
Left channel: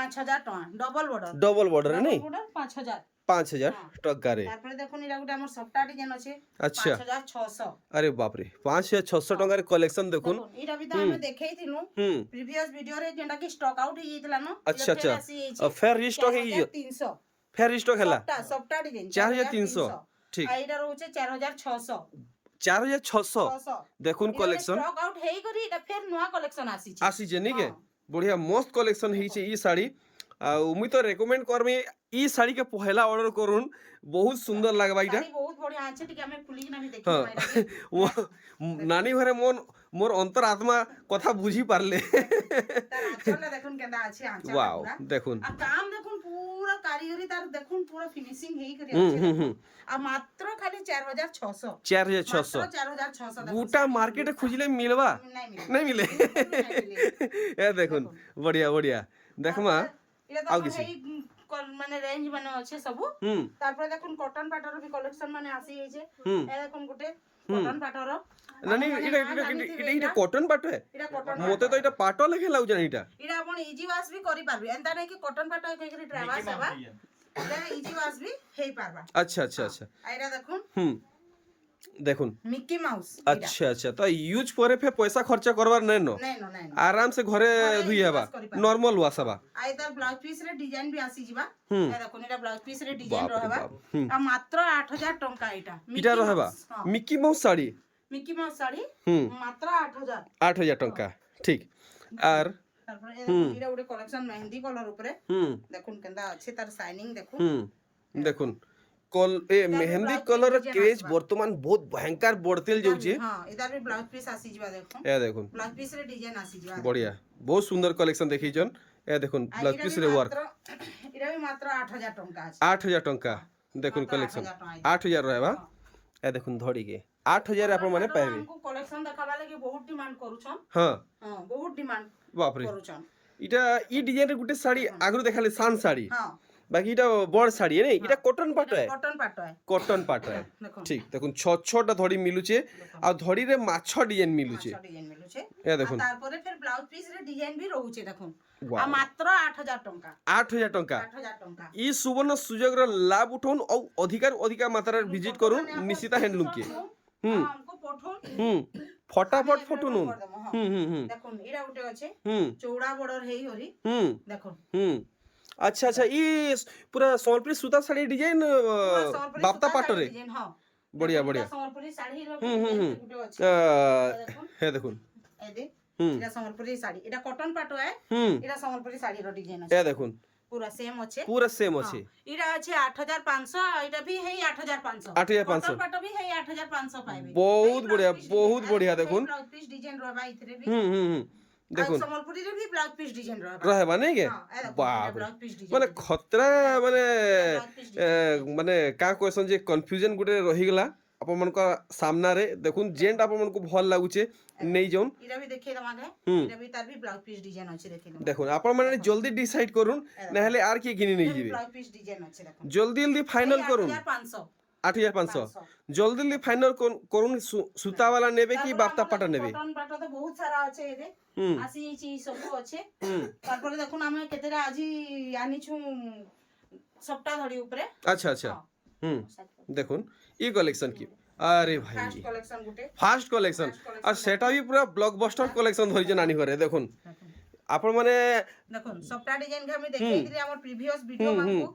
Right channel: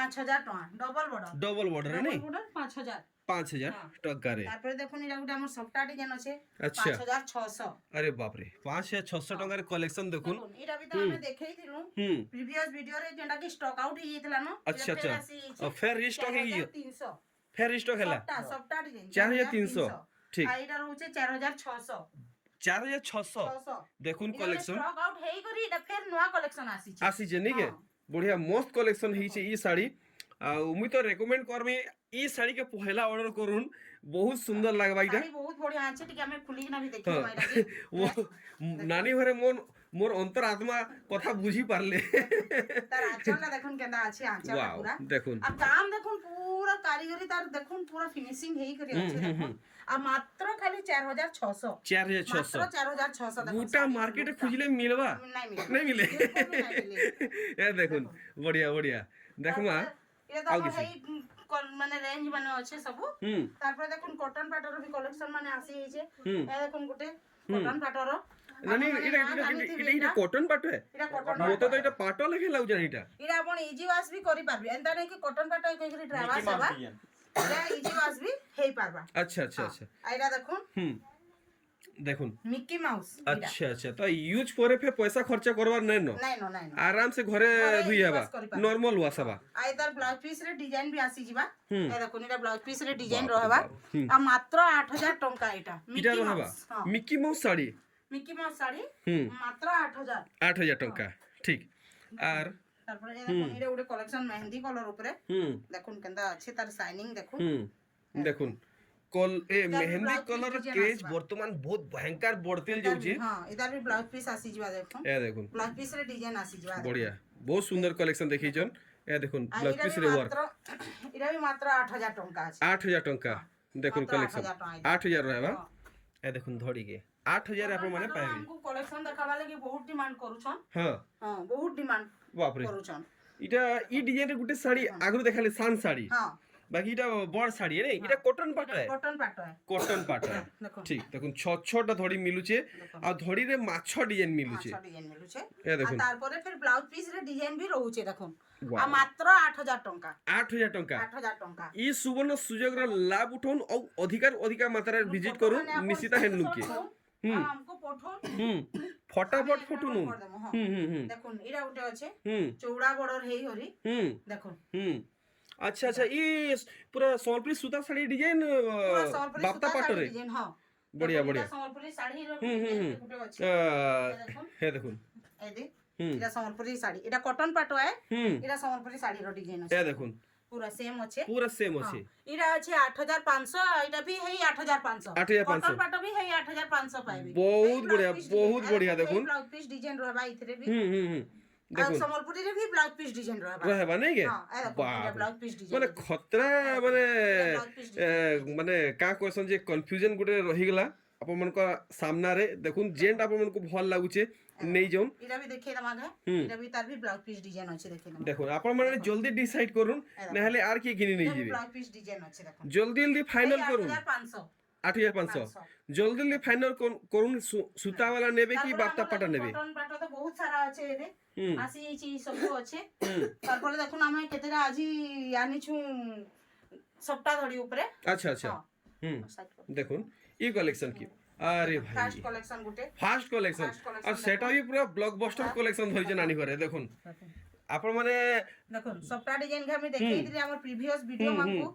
5000 टका डबल बॉर्डर डबल बॉर्डर नहीं बॉर्डर 5000 5000 टका रे तारपरे देखुन एटा गुटे हमर सफ्टा डिजाइन আছে अच्छा 5600 अरे बाप रे 5600 टका रे कलेक्शन देखुन एटा भी तो हमें देखै थिनु प्रीवियस वीडियो रे जेंटा कि स्टॉक आउट ही जेतला न अच्छा अच्छा अब फिर रिस्टॉक है 300 फिर रिस्टॉक हैला सफ्टा डिजाइन 4300 ठीक आइडा रहउचे 4600 4600 देखुन कलेक्शन स्टॉक आउट हेई करी एटा फिर नया कलेक्शन आसी आसी जे नहीं के बढ़िया मस्त कलेक्शन ही छे ई साड़ी मुई तो रेकमेंड करमी ई साड़ी के पहला ऑर्डर करूँ बहुत सुंदर लगबा इटा साड़ी बहुत बढ़िया आछे ठीक हमें खुली के ना भी देखि पाइला वो नानी घरे मोर अंतर आत्मा कथा बुझी पारले तार आंचल देखुन केंदा आछे आंचल वाओ पूरा देखुन आ काम देखुन पूरा कारीगरी तार देखुन पूरा फिनिशिंग हेई करी आछे देखुन आ मात्र खाली 4600 4600 मात्र 4600 देखुन बूटा मार्केट खुजले मिलवा नहीं मिले बिल्कुल भी नहीं मिले ए देखुन बढ़िया बढ़िया देखमा ये तो हेई माने रेंज बने अच्छे सब तारपर देखुन कॉटन पाटर भी कलेक्शन माने आसी हे छे ए देखुन गुटे कॉटन पाटर नानी इटा कॉटन पाटो है इटा कॉटन मोते तो इटा पाटो लेके लाउ जान इटा इटा अपन इजी वाश भी करि पारबी एंता नै कि कॉटन पाटो कहि करि ड्राई वाश हेबा इटा इजी वाश भी हेई पारबा अच्छा अच्छा अच्छा आइरा देखुन देखुन मिकी माउस अच्छा अच्छा तो यूज करे फे पैसा खर्चा करवार नहीं नो नहीं आराम से घरे धुई हेबा नॉर्मल वाश हेबा आइदर ब्लाउज पीस रे डिजाइन भी आसी जिबा ए देखुन इटा ब्लाउज पीस रे डिजाइन रहबा आ मात्र 8000 टंका इटा इटा रहबा Mickey mouse sari Mickey mouse sari मात्र 8000 8000 टंका ठीक आर तारपर ए देखुन इटा उडे कलेक्शन मेहंदी कलर ऊपर देखुन केंदा अच्छे तार शाइनिंग देखुन देखुन कल ए मेहंदी कलर क्रेज वर्तमान बहुत भयंकर बढ़तेल जाउची हां इधर भी ब्लाउज पीस आसी जिबा देखुन ए देखुन ब्लाउज पीस रे डिजाइन आसी जिबा बढ़िया बहुत सुंदर कलेक्शन देखी जन ए देखुन ब्लाउज पीस रे वर्क इरा भी मात्र 8000 टंका আছে 8000 टंका देखुन कलेक्शन 8000 रहबा ए देखुन धड़ी के 8000 ଆପଣ ମାନେ ପାଇବେ हमको कलेक्शन देखाबा लागि बहुत डिमांड करूछन ହଁ हां बहुत डिमांड ବାପରେ करूछन এটা ই ডিজাইনের গুটে শাড়ি আগুন দেখালে সান শাড়ি हां বাকি এটা বড় শাড়ি নেই এটা কটন পাট হয় कॉटन पाटो है কটন পাট হয় देखो ঠিক দেখুন ছ ছটা ধড়ি মিলুছে আর ধড়িরে মাছ ডিজাইন মিলুছে अच्छा डिजाइन मिलुछे এ দেখুন तारपरे फिर ब्लाउज पीस रे डिजाइन भी रहउछे देखो Wow. आ मात्र 8000 टंका 8000 টঙ্কা 8000 टंका ই সুবর্ণ সুযোগর লাভ উঠাউন ও অধিকার মাত্রার ভিজিট করুন নিশিতা হ্যান্ডলুম কে হুম हमको पठोन হুম ফটাফট ফটো নুন हां হুম হুম হুম देखो इरा उठे আছে হুম चौड़ा बॉर्डर हेई हरी হুম देखो হুম আচ্ছা আচ্ছা ই পুরা সম্বলপুরি সুতা শাড়ি ডিজাইন বাপ্তা পাটরে डिजाइन हां বড়িয়া বড়িয়া संबलपुरी साड़ी रो হুম হুম হুম उठे আছে देखो হ্যাঁ দেখুন ए दे হুম এটা সম্বলপুরি শাড়ি এটা কটন পাটো है হুম এটা সম্বলপুরি শাড়ি র ডিজাइन এ আছে দেখুন पूरा सेम আছে পুরা সেম আছে এটা আছে 8500 এটা भी है 8500 8500 কটন পাটো भी है 8500 পাইবে বহুত বড়িয়া বহুত বড়িয়া দেখুন ব্লাউজ পিস ডিজাইন রহবা ইথরে भी হুম হুম হুম আর দেখুন সম্বলপুরি রে भी ব্লাউজ পিস ডিজাइन রহবা রহবা নাই কে हां ए देखो বাপ ব্লাউজ পিস ডিজাইন মানে খতরা মানে ব্লাউজ পিস মানে কা কোয়েসন যে কনফ্यूजन গুটে রহিগলা ଆପଣମାନଙ୍କ ସାମ୍ନାରେ ଦେଖୁନ୍ ଯେନ୍ଟା ଆପଣମାନଙ୍କୁ ଭଲ ଲାଗୁଛେ ନେଇଯାଉନ୍ ଏଟା ବି ଦେଖେଇ ଦମା गे ହୁଁ। ଏଟା ବି ତାର ବି ବ୍ଲାଉଜ ପିସ୍ डिजाइन ଅଛି ଦେଖେଇ ଦମା ଦେଖୁନ୍ ଆପଣମାନେ ଜଲ୍ଦି ଡିସାଇଡ୍ କରୁନ୍ ନହେଲେ ଆର୍ କିଏ କିଣି ନେଇଯିବେ ବ୍ଲାଉଜ ପିସ୍ डिजाइन ଅଛି ଦେଖ ଜଲ୍ଦି ଜଲ୍ଦି ফাইনাল করুন 8500 8500 জলদি জলদি ফাইনাল করুন সুতা वाला নেবে কি বাপ্তা পাটা নেবে কটন পাটো তো বহুত সারা আছে এবে হুম আসি এইছি ସବୁ আছে হুম তারপরে দেখুন আমি কেতেটা আজি আনিছু সপ্তাহ ধরি উপরে আচ্ছা আচ্ছা হুম দেখুন ই কলেকশন কি আরে ভাই ফার্স্ট কালেকশন গুটে ফার্স্ট কলেকশন আর সেটা भी পুরো ব্লকবাস্টার কলেকশন ধরিছে নানি ঘরে দেখুন আপন মানে দেখুন সপ্তাহ ডিজাইন কে আমি দেখাই দিলি আমার প্রিভিয়াস ভিডিও মানকু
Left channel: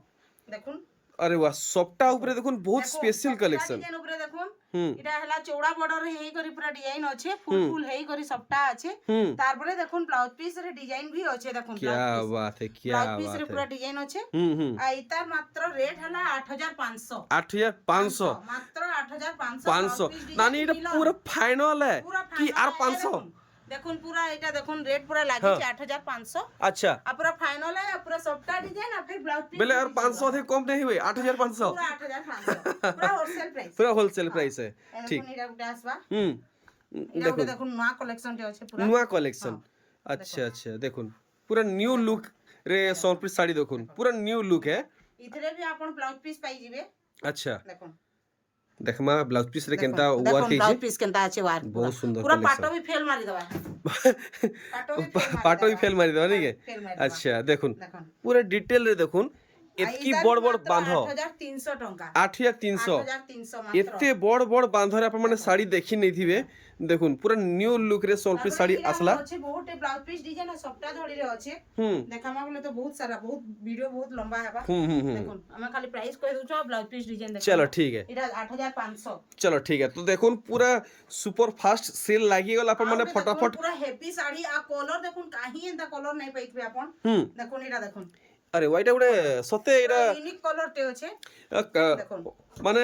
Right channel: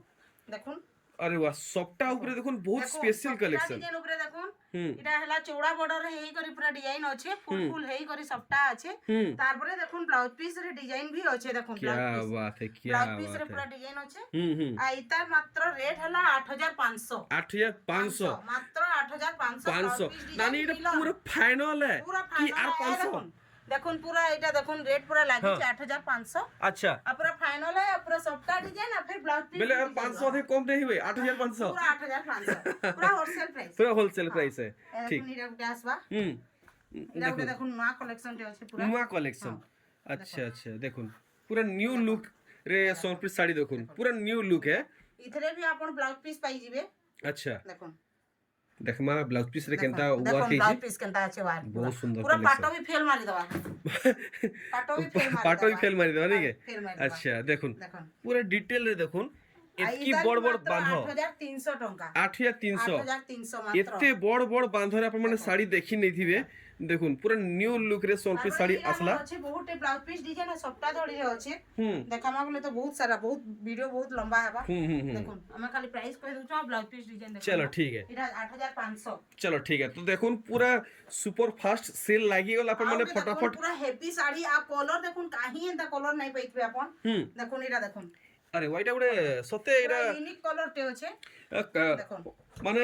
দেখুন আরে বাহ সবটা উপরে দেখুন বহুত স্পেশাল কলেকশন ডিজাইন উপরে দেখুন হুম এটা হলা চৌড়া বর্ডর হেই করি পুরা ডিজাইন আছে ফুল ফুল হেই করি সবটা আছে হুম তারপরে দেখুন ব্লাউজ পিস রে ডিজাইন भी আছে দেখুন क्या बात है क्या ব্লাউজ পিস बात রে পুরা है ডিজাইন আছে হুম আর ইতার মাত্র রেট হলা 8500 8500 মাত্র 8500 500 নানি এটা পুরো ফাইনাল है কি আর 500 দেখুন পুরা এটা দেখুন রেট পুরা লাগিছে 8500 अच्छा আর পুরা ফাইনাল है পুরা সবটা ডিজাইন আর फिर ব্লাউজ পিস बेले और 500 से कम नहीं हुए 8500 পুরা 8500 পুরা হোলসেল প্রাইস पूरा होलसेल प्राइस है ठीक দেখুন এটা উঠে আসবা হুম এটা উঠে দেখুন নয়া কালেকশন টি আছে পুরা नुआ कलेक्शन अच्छा अच्छा देखुन पूरा न्यू लुक रे सोनपुरी साड़ी देखुन पूरा न्यू लुक है इथरे भी आपण ब्लाउज पीस पाई जिवे अच्छा देखुन देखमा ब्लाउज पीस रे केनता वर्क ब्लाउज है पीस केनता আছে ওয়ার্ক बहुत सुंदर पूरा कलेक्शन पाटो भी फेल मारी दवा पाटो भी फेल मारी पाटो ही फेल मारी देवा नहीं फेल के मारी अच्छा देखुन देखुन पूरा डिटेल रे देखुन এতকি বড় বড় বাঁধ 8300 টাকা 8300 8300 মাত্র এতে বড় বড় বাঁধরে আপন মানে শাড়ি দেখি নেইথিবে দেখুন পুরা নিউ লুক রে সোনপুরি শাড়ি আসলা আছে বহুত ব্লাউজ পিস ডিজাইন সবটা ধরি রে আছে হুম দেখামা বলে তো বহুত সারা বহুত ভিডিও বহুত লম্বা হেবা হুম হুম হুম দেখুন আমি খালি প্রাইস কই দউছো ব্লাউজ পিস ডিজাইন দেখুন चलो ठीक है এটা 8500 चलो ठीक है तो देखुन पूरा सुपर फास्ट सेल लागी गला अपन माने फटाफट पूरा हेवी साड़ी आ कलर देखुन काहे एंता कलर नहीं पाइतबे अपन হুম দেখুন এটা দেখুন अरे वाइटा गुडे सते एटा यूनिक कलर टे আছে দেখুন माने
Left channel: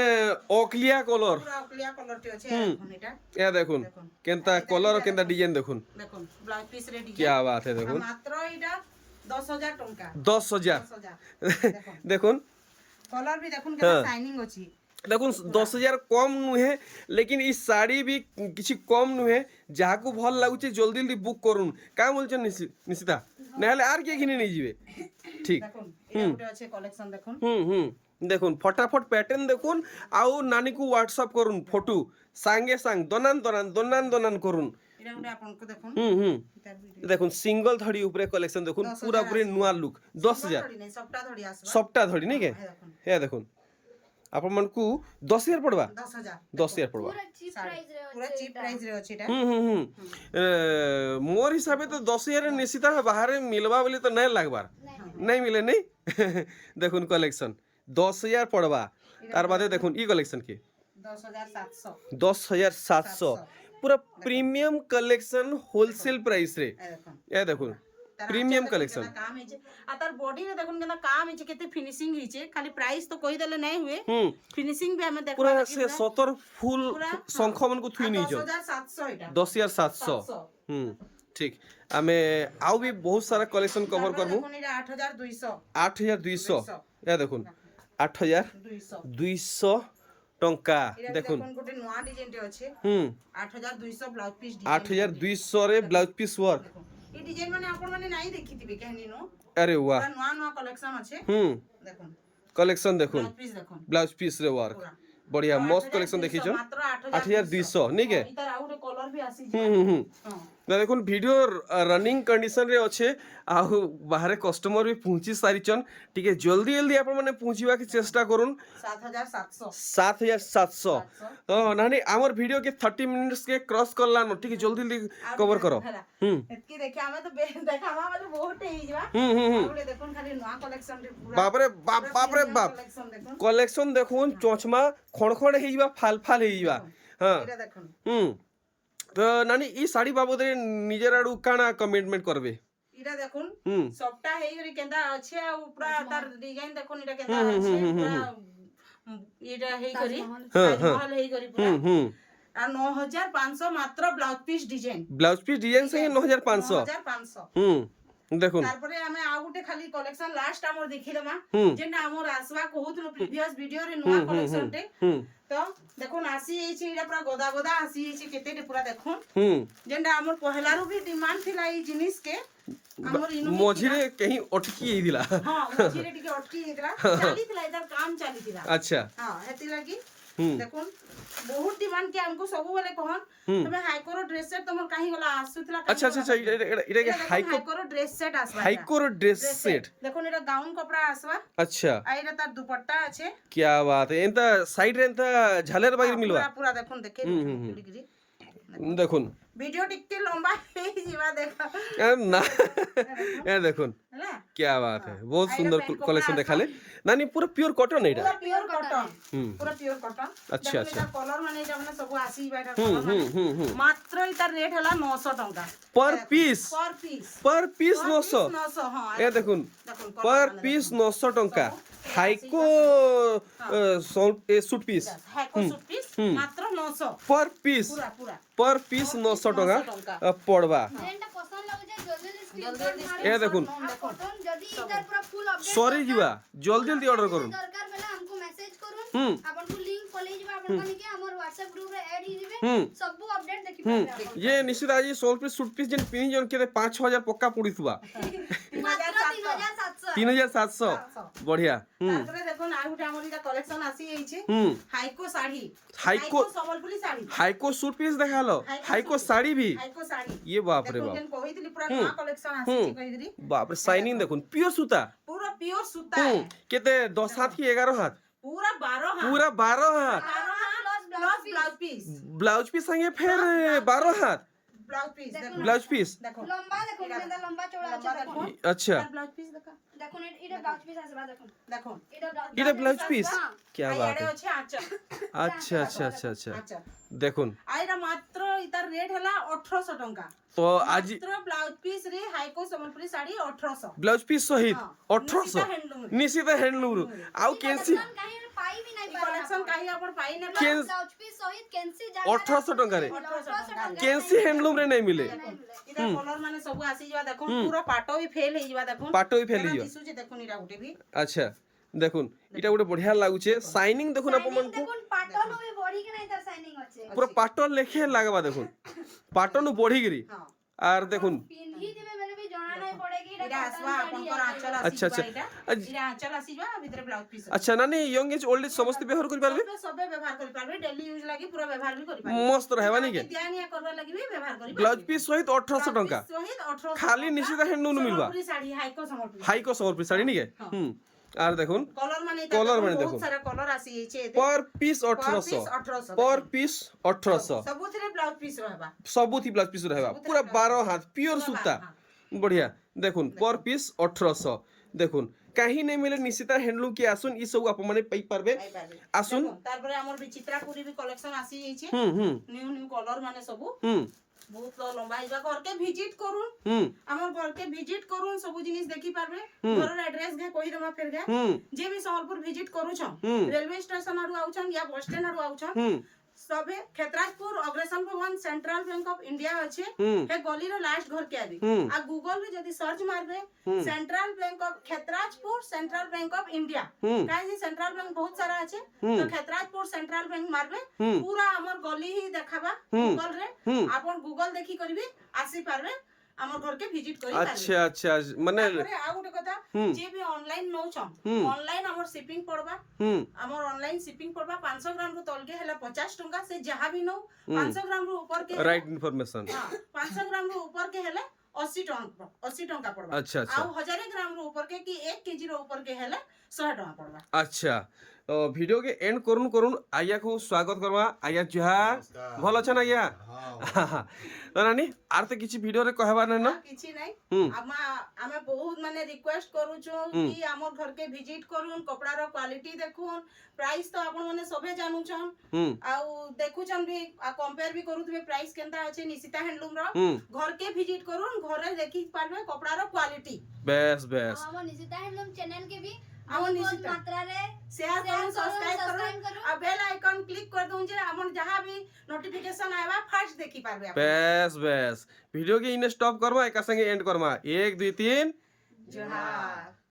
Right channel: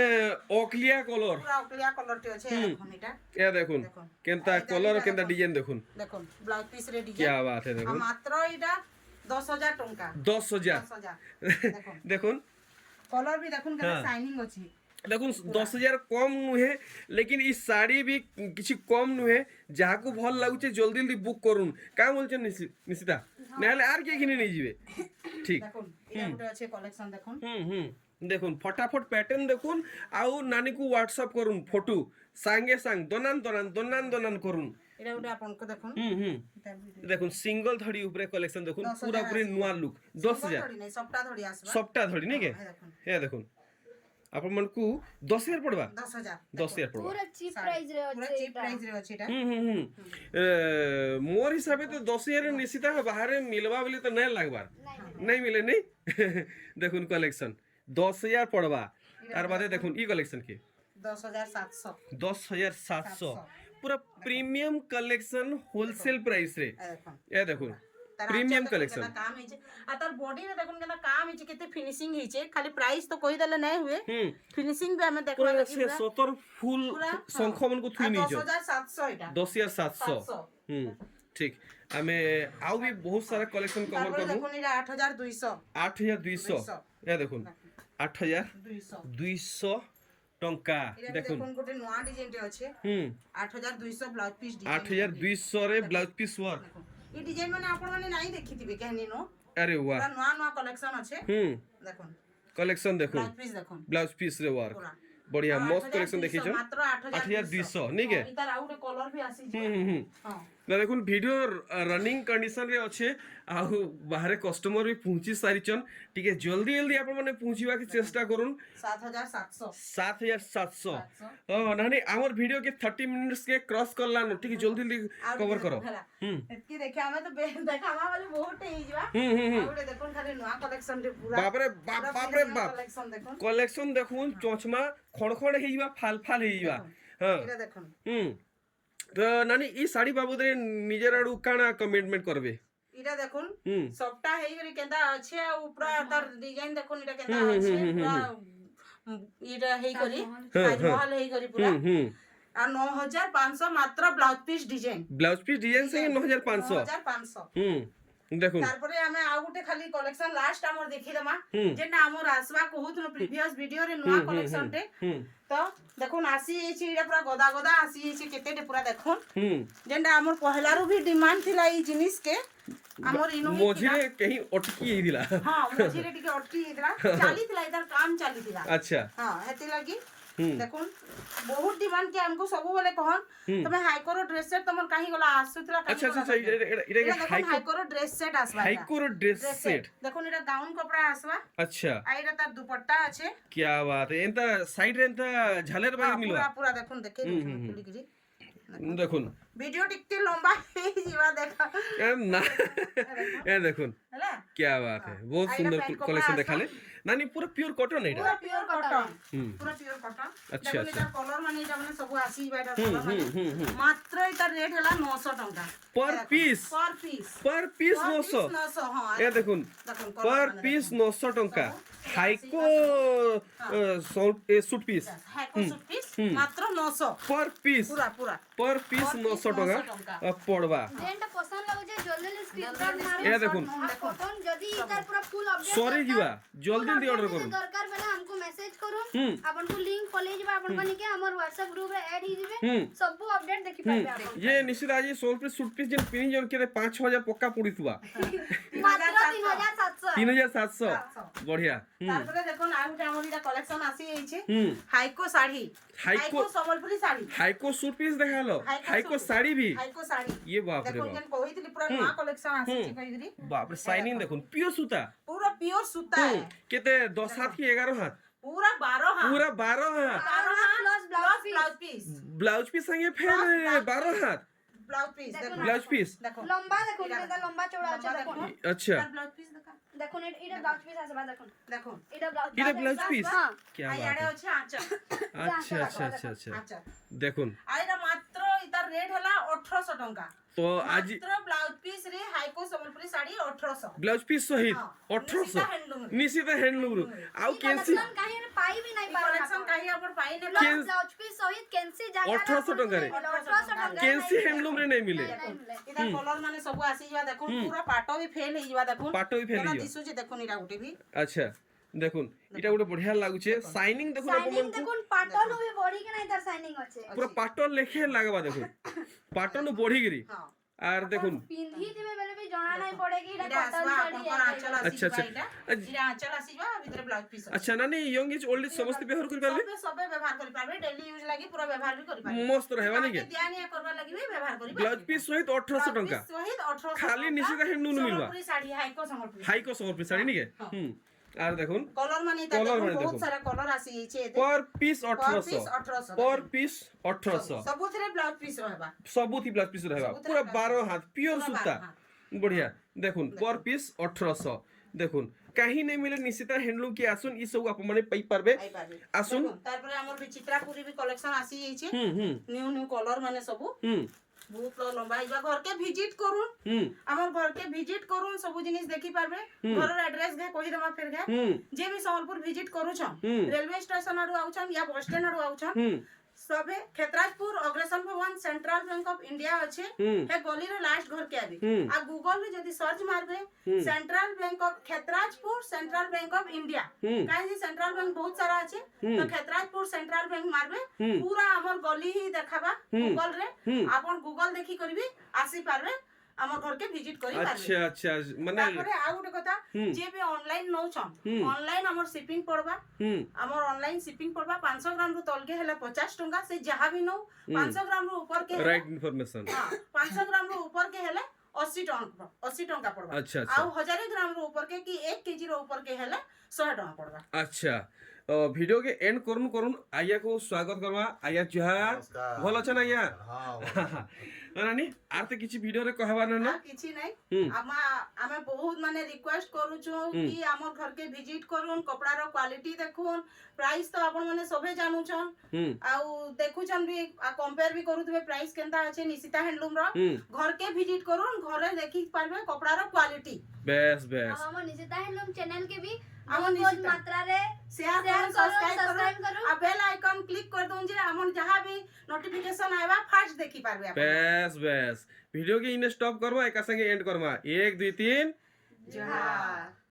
ओकलिया कलर পুরা ক্লিয়ার কলর टे আছে দেখুন এটা या देखुन দেখুন केनता कलर और केनता डिजाइन देखुन দেখুন ব্লাউজ পিস রে ডিজাইন क्या बात है देखुन মাত্র এটা 10000 টাকা 10000 10000 দেখুন देखुन कलर भी देखुन केना शाइनिंग अछि देखुन 10000 कम नुहे लेकिन ई साड़ी भी किछि कम नुहे जाहाकू भल लागुचे जल्दी जल्दी बुक करूँ का बोलछन निशिता नहले आर के किने नहीं जीवे ठीक দেখুন এটা গুলো আছে কালেকশন দেখুন দেখুন ফটাফট প্যাটার্ন দেখুন আউ নানিকু হোয়াটসঅ্যাপ করুন ফটো সাঙ্গে সাং দনান করুন এটা গুলো আপনকে দেখুন তার ভিডিও দেখুন সিঙ্গল ধড়ি উপরে কালেকশন দেখুন পুরা পুরি নয়া লুক 10000 ধরি নাই সবটা ধরি আসবা সবটা ধড়ি নাই কে এই দেখুন হে দেখুন আপন মানকু 10000 পড়বা 10000 10000 পড়বা পুরা চিপ প্রাইস রে পুরো আছে চিপ প্রাইস রে আছে এটা मोर हिसाब तो 10000 निश्चित बाहर मिलवा बोली तो नहीं लगवार नहीं मिले नहीं देखुन कलेक्शन 10000 पड़वा तार बादे देखुन ई कलेक्शन की 10700 10700 पूरा प्रीमियम कलेक्शन होलसेल प्राइस रे এই দেখুন ए देखुन प्रीमियम कलेक्शन काम है आ तार बॉडी रे देखुन केना काम है केते फिनिशिंग हिचे खाली प्राइस तो कहि देले नहीं हुए फिनिशिंग भी हमें देखबा पूरा से 70 फुल संख मन को थुई नहीं जो 10700 এটা 10700 ठीक आमे आउ भी बहुत सारा कलेक्शन कवर करबो দেখুন এটা 8200 8200 ए देखुन 8200 200 টঙ্কা এটা দেখুন দেখুন গোটে নয়া ডিজাইন ଟେ ଅଛି হুম 8200 ব্লাউজ পিস 8200 রে ব্লাউজ পিস ওয়ার্ক এই ডিজাইন মানে আপন মানে নাই দেখিଥିବେ কেহনি নো আরে বাহ পুরা নয়া নয়া কলেকশন আছে হুম দেখুন কলেকশন দেখুন ব্লাউজ পিস দেখুন ব্লাউজ পিস রে ওয়ার্ক পুরা বড়িয়া ଆଉ মস্ত 8200 কলেকশন দেখিছন মাত্র 8200 নিকে ହଁ, ଇତାର ଆଉ ଗୋଟେ କଲର ବି ଆସିଛି হুম হুম হুম ହଁ না দেখুন ভিডিও রনিং কন্ডিশন রে আছে আউ বাহারে কস্টমর भी পৌঁছি সারিছন টিকে জলদি জলদি আপন মানে পৌঁছিবা কি চেষ্টা করুন 7700 7700 তো নানি আমার ভিডিও के 30 मिनट्स के क्रॉस करला न ठीक जल्दी जल्दी कवर करो ହେଲା হুম ଏତିକି ଦେଖି ଆମେ ତ ଦେଖାମା ବୋଲେ ବହୁତ ହେଇଯିବା হুম হুম ଆଉ ଗୋଟେ ଦେଖୁন ଖାଲି ନୂଆ କଲେକ୍ସନ ରେ ପୁରା বাপরে বাপ বাপরে বাপ କଲେକ୍ସନ ଦେଖୁন কলেকশন দেখুন চচমা খড়খড় ହେଇଯିବା ফাল ফাল ହେଇଯିବା হ্যাঁ ଏଇଟା ଦେଖୁন হুম তো নানি এই শাড়ি বাবদে নিজের আড়ু কাଣା কমিটমেন্ট করবে ଏଇଟା ଦେଖୁন হুম সবটা ହେଇକରି କେନ୍ତା ଅଛି ଆଉ ପୁରା ତାର ଡିଜାଇନ ଦେଖୁନ ଏଇଟା କେନ୍ତା ଅଛି ପୁରା ଏଇଟା ହେଇକରି ତାଜମହଲ ହେଇକରି ପୁରା হুম হুম আর 9500 মাত্র blouse piece design blouse piece design সঙ্গে 9500 9500 হুম দেখুন তারপরে আমি ଆଉ ଗୋଟେ খালি কলেকশন লাস্ট আমার দেখিদেমা হুম যেটা আমার আসবা কহুতলো প্রিভিয়াস ভিডিও রে নয়া কলেকশন टे হুম তো দেখুন আসি এইছি এটা পুরা গদা গদা আসি এইছি কেতেটে পুরা দেখুন হুম যেটা আমার পহলারু भी ডিমান্ড থিলা এই জিনিস কে আমার ইনো মঝিরে কहीं অটকি ହେଇଥିଲା হ্যাঁ মঝিরে টিকে অটকি হেতলা চালিতলা এটার কাম চালিতলা আচ্ছা হ্যাঁ হেতি লাগি হুম দেখুন বহুত ডিমান্ড কে আমকো সবু বেলে কহন তুমি হাইকোর ড্রেস সেট তোমার কাহি গলা আসুতলা আচ্ছা আচ্ছা আচ্ছা এটা এটা হাইকো হাইকোর ড্রেস সেট আসবা হাইকোর ড্রেস সেট দেখুন এটা গাউন কপড়া আসবা अच्छा আর এটা তার দুপাট্টা আছে क्या बात है एंता साइड रे एंता झालर बाजी मिलवा পুরা পুরা দেখুন দেখে খুলিগিরি দেখুন ভিডিও টিকতে লম্বা হয়ে যাবা দেখা না এ দেখুন ହେଲା क्या बात है बहुत सुंदर कलेक्शन देखाले नानी पूरा प्योर कॉटन है পুরা পিওর কটন হুম পুরা পিওর কটন আচ্ছা, আচ্ছা। কলর মানে এটা মানে সব আসি বাইটা হুম কলর মানে হুম হুম মাত্র এটার রেট হলা 900 টাকা पर पीस पर पीस 900 900 হ্যাঁ ए देखुन দেখুন पर पीस 900 टंका haiku suit piece হ্যাকো suit piece মাত্র 900 पर पीस পুরা পুরা पर पीस 900 टंका पड़वा যেটা পছন্দ লাগুছে জলদি জলদি স্ক্রিনশট মারুন ए देखुन আর কটন যদি ইতার পুরা ফুল আপডেট সরি ଯିବା জলদি জলদি অর্ডর করুন দরকার বেলা हमको মেসেজ করুন হুম आपनको लिंक पले जिबा आपन माने के हमर WhatsApp ग्रुप रे ऐड ही दिबे হুম सब अपडेट देखि पाबे आपन ये निश्चित आज सोल पीस सूट पीस जिन पिनी जन के 5000 पक्का पड़ीथुवा মাত্র 3700 3700 बढ़िया তারপরে দেখুন আর একটা আমার এটা কালেকশন আসি এইছে হুম হাইকো শাড়ি হাইকো সম্বলপুরি শাড়ি हाइको सूट पीस देखालो हाइको सूट। साड़ी भी হাইকো শাড়ি ये बाप रे দেখুন बाप যেন কইতিলি পুরা নয়া কালেকশন আসিছে কইগরি बाप रे शाइनिंग देखुन प्योर सूता পুরা পিওর সুতা हम्म केते 10 हाथ की 11 हाथ পুরা 12 হাত पूरा 12 हाथ 12 হাত plus plus blouse piece blouse piece संगे फिर 12 हाथ ব্লাউজ পিস দেখুন ब्लाउज पीस দেখুন লম্বা দেখো এটা লম্বা চওড়া আছে লম্বা দেখুন দেখুন अच्छा ব্লাউজ পিস দেখা দেখুন এটা ব্লাউজ পিস আছে দেখুন দেখুন এটা ব্লাউজ এটা ব্লাউজ পিস হ্যাঁ क्या আর बात ইয়াড়ে है আছে আঁচল अच्छा अच्छा अच्छा अच्छा আচ্ছা দেখুন আর এটা মাত্র ইতার রেট হলা 1800 টাকা তো আজ মাত্র ব্লাউজ পিস রে Haiko Sambalpuri sari 1800 blouse piece সহিত হ্যাঁ, 1800 handloom। নিশ্চিত হ্যান্ডলুম রু আউ কেনসি কাহি পাই भी नहीं पारे কালেকশন কাহি আপন পাই না কেন- ব্লাউজ পিস সহিত কেনসি 1800 ଟଙ୍କାରେ। 1800 টাকা কেনসি হ্যান্ডলুম রে নাই মিলে এটা কলর মানে ସବୁ আসি যাবা দেখুন পুরো পাটো ବି ফেল ହେଇ যাবা দেখুন পাটো ବି ଫେଲି ଯିବ দিସୁছে দেখুন এটা গুটে भी আচ্ছা দেখুন এটা গোটে বঢ়িয়া লাগুছে শাইনিং দেখুন শাইনিং আপনার দেখুন পাটন भी বডি के नहीं तार शाइनिंग আছে পুরো পাটন লেখে লাগবা দেখুন পাটন বঢ়িগিরি হ্যাঁ আর দেখুন পিন্ধি দিবে মেরে भी জଣା নাই পড়ে কি এটা এটা আসবা কটন আপনকৰ আঁচল আসি আচ্ছা, যাবা আচ্ছা। এটা এটা আঁচল আসি যাবা ভিতরে ব্লাউজ পিস আচ্ছা নানি ইয়ং এজ ওল্ড এজ সমস্ত ব্যবহার করি পারবে সবে সবে ব্যবহার করি পারবে ডেইলি ইউজ লাগি পুরো ব্যবহার भी করি পারবে মস্ত রহবা নাকি দিয়া নিয়া করবা লাগি भी ব্যবহার করি ব্লাউজ পিস সহিত 1800 টঙ্কা সহিত 1800 খালি নিশ্চিত হ্যান্ডলুম মিলবা সম্বলপুরি শাড়ি হাইকো সম্বলপুরি হাইকো সম্বলপুরি শাড়ি নাকি হুম আর দেখুন কলর মানে Colour মানে বহুত দেখুন। সারা কলর আসি এইছে पर पीस पर 1800 piece 1800 पर पीस 1800 ସବୁଥିରେ ବ୍ଲାଉଜ ପିସ୍ ରହିବା ସବୁଥି ব্লাউজ পিস রহবা পুরা 12 হাত পিওর সুতা बढ़िया দেখুন पर पीस 1800 দেখুন কাহি নাই মিলে নিশ্চিত হ্যান্ডলুম কি আসুন ই সব আপন মানে পাই পারবে পাইপারবে আসুন দেখুন, তারপরে আমার বিচিত্রাপুরি भी কলেকশন আসি এইছে হুম হুম নিউ নিউ কলর মানে ସବୁ হুম বহুত লম্বা হইবা ঘরকে ভিজিট করুন হুম আমার ঘরকে ভিজিট করুন সবু জিনিস দেখি পারবে ঘরের এড্রেস গে কই দেমা ফের গে হুম যে भी সম্বলপুর ভিজিট করুছন হুম। রেলওয়ে স্টেশন আড়ু আউছন या बस स्टैंड আড়ু আউছন হুম सभे खेतराजपुर अग्रसेन भवन सेंट्रल बैंक ऑफ इंडिया अच्छे हम्म हे गली रो लास्ट घर के आबी हम्म आ गूगल रे जदी सर्च मारबे central bank of Khetrajpur central bank of India हम्म काहे जी सेंट्रल बैंक बहुत सारा अच्छे हम्म तो खेतराजपुर सेंट्रल बैंक मारबे हम्म पूरा हमर गली ही देखाबा हम्म गूगल रे हम्म आपण गूगल देखि करबी आसी पारबे हमर घर के विजिट करी पारबे अच्छा अच्छा माने तापरे आ गुटे कथा हम्म जे भी ऑनलाइन नौछन हम्म ऑनलाइन हमर शिपिंग पड़बा हम्म हमर ऑनलाइन शिपिंग पड़बा 500 ग्राम रो तलके हेले 50 टंका से जहां भी नो हम्म 500 ग्राम रो ऊपर के राइट इन्फॉर्मेशन हां 500 ग्राम रो ऊपर के हेले 80 टंका पड़बा अच्छा अच्छा आउ 1000 ग्राम रो ऊपर के कि 1 केजी रो ऊपर के हेले 100 टंका पड़बा अच्छा भिडियो के एंड करुन करुन आज्ञा को स्वागत करवा आज्ञा जुहार भल अछन आज्ञा नानी आर तो किछि वीडियो रे कहबा ना किछि नै हम्म आमे बहुत माने रिक्वेस्ट करूछु कि हमर घर के विजिट करून कपड़ा रो क्वालिटी देखुन प्राइस तो आपण माने सबे जानूछन आउ देखुछन भी कंपेयर भी करूथबे प्राइस केनता अछि निशिता हैंडलूम रो घर के विजिट करून घरे देखि पारबे कपड़ा रो क्वालिटी बेस बेस हम निशिता हैंडलूम चैनल के भी हमर बहुत निशिता मात्रा रे शेयर करूँ सब्सक्राइब सब्सक्राइब करूँ करूँ आ बेल आइकन क्लिक कर दूँ जे हमन जहाँ भी नोटिफिकेशन आएबा फर्स्ट देखि पारबे आप बेस बेस वीडियो के इने स्टॉप करवा एक संगे एंड करवा 1 2 3 जोहार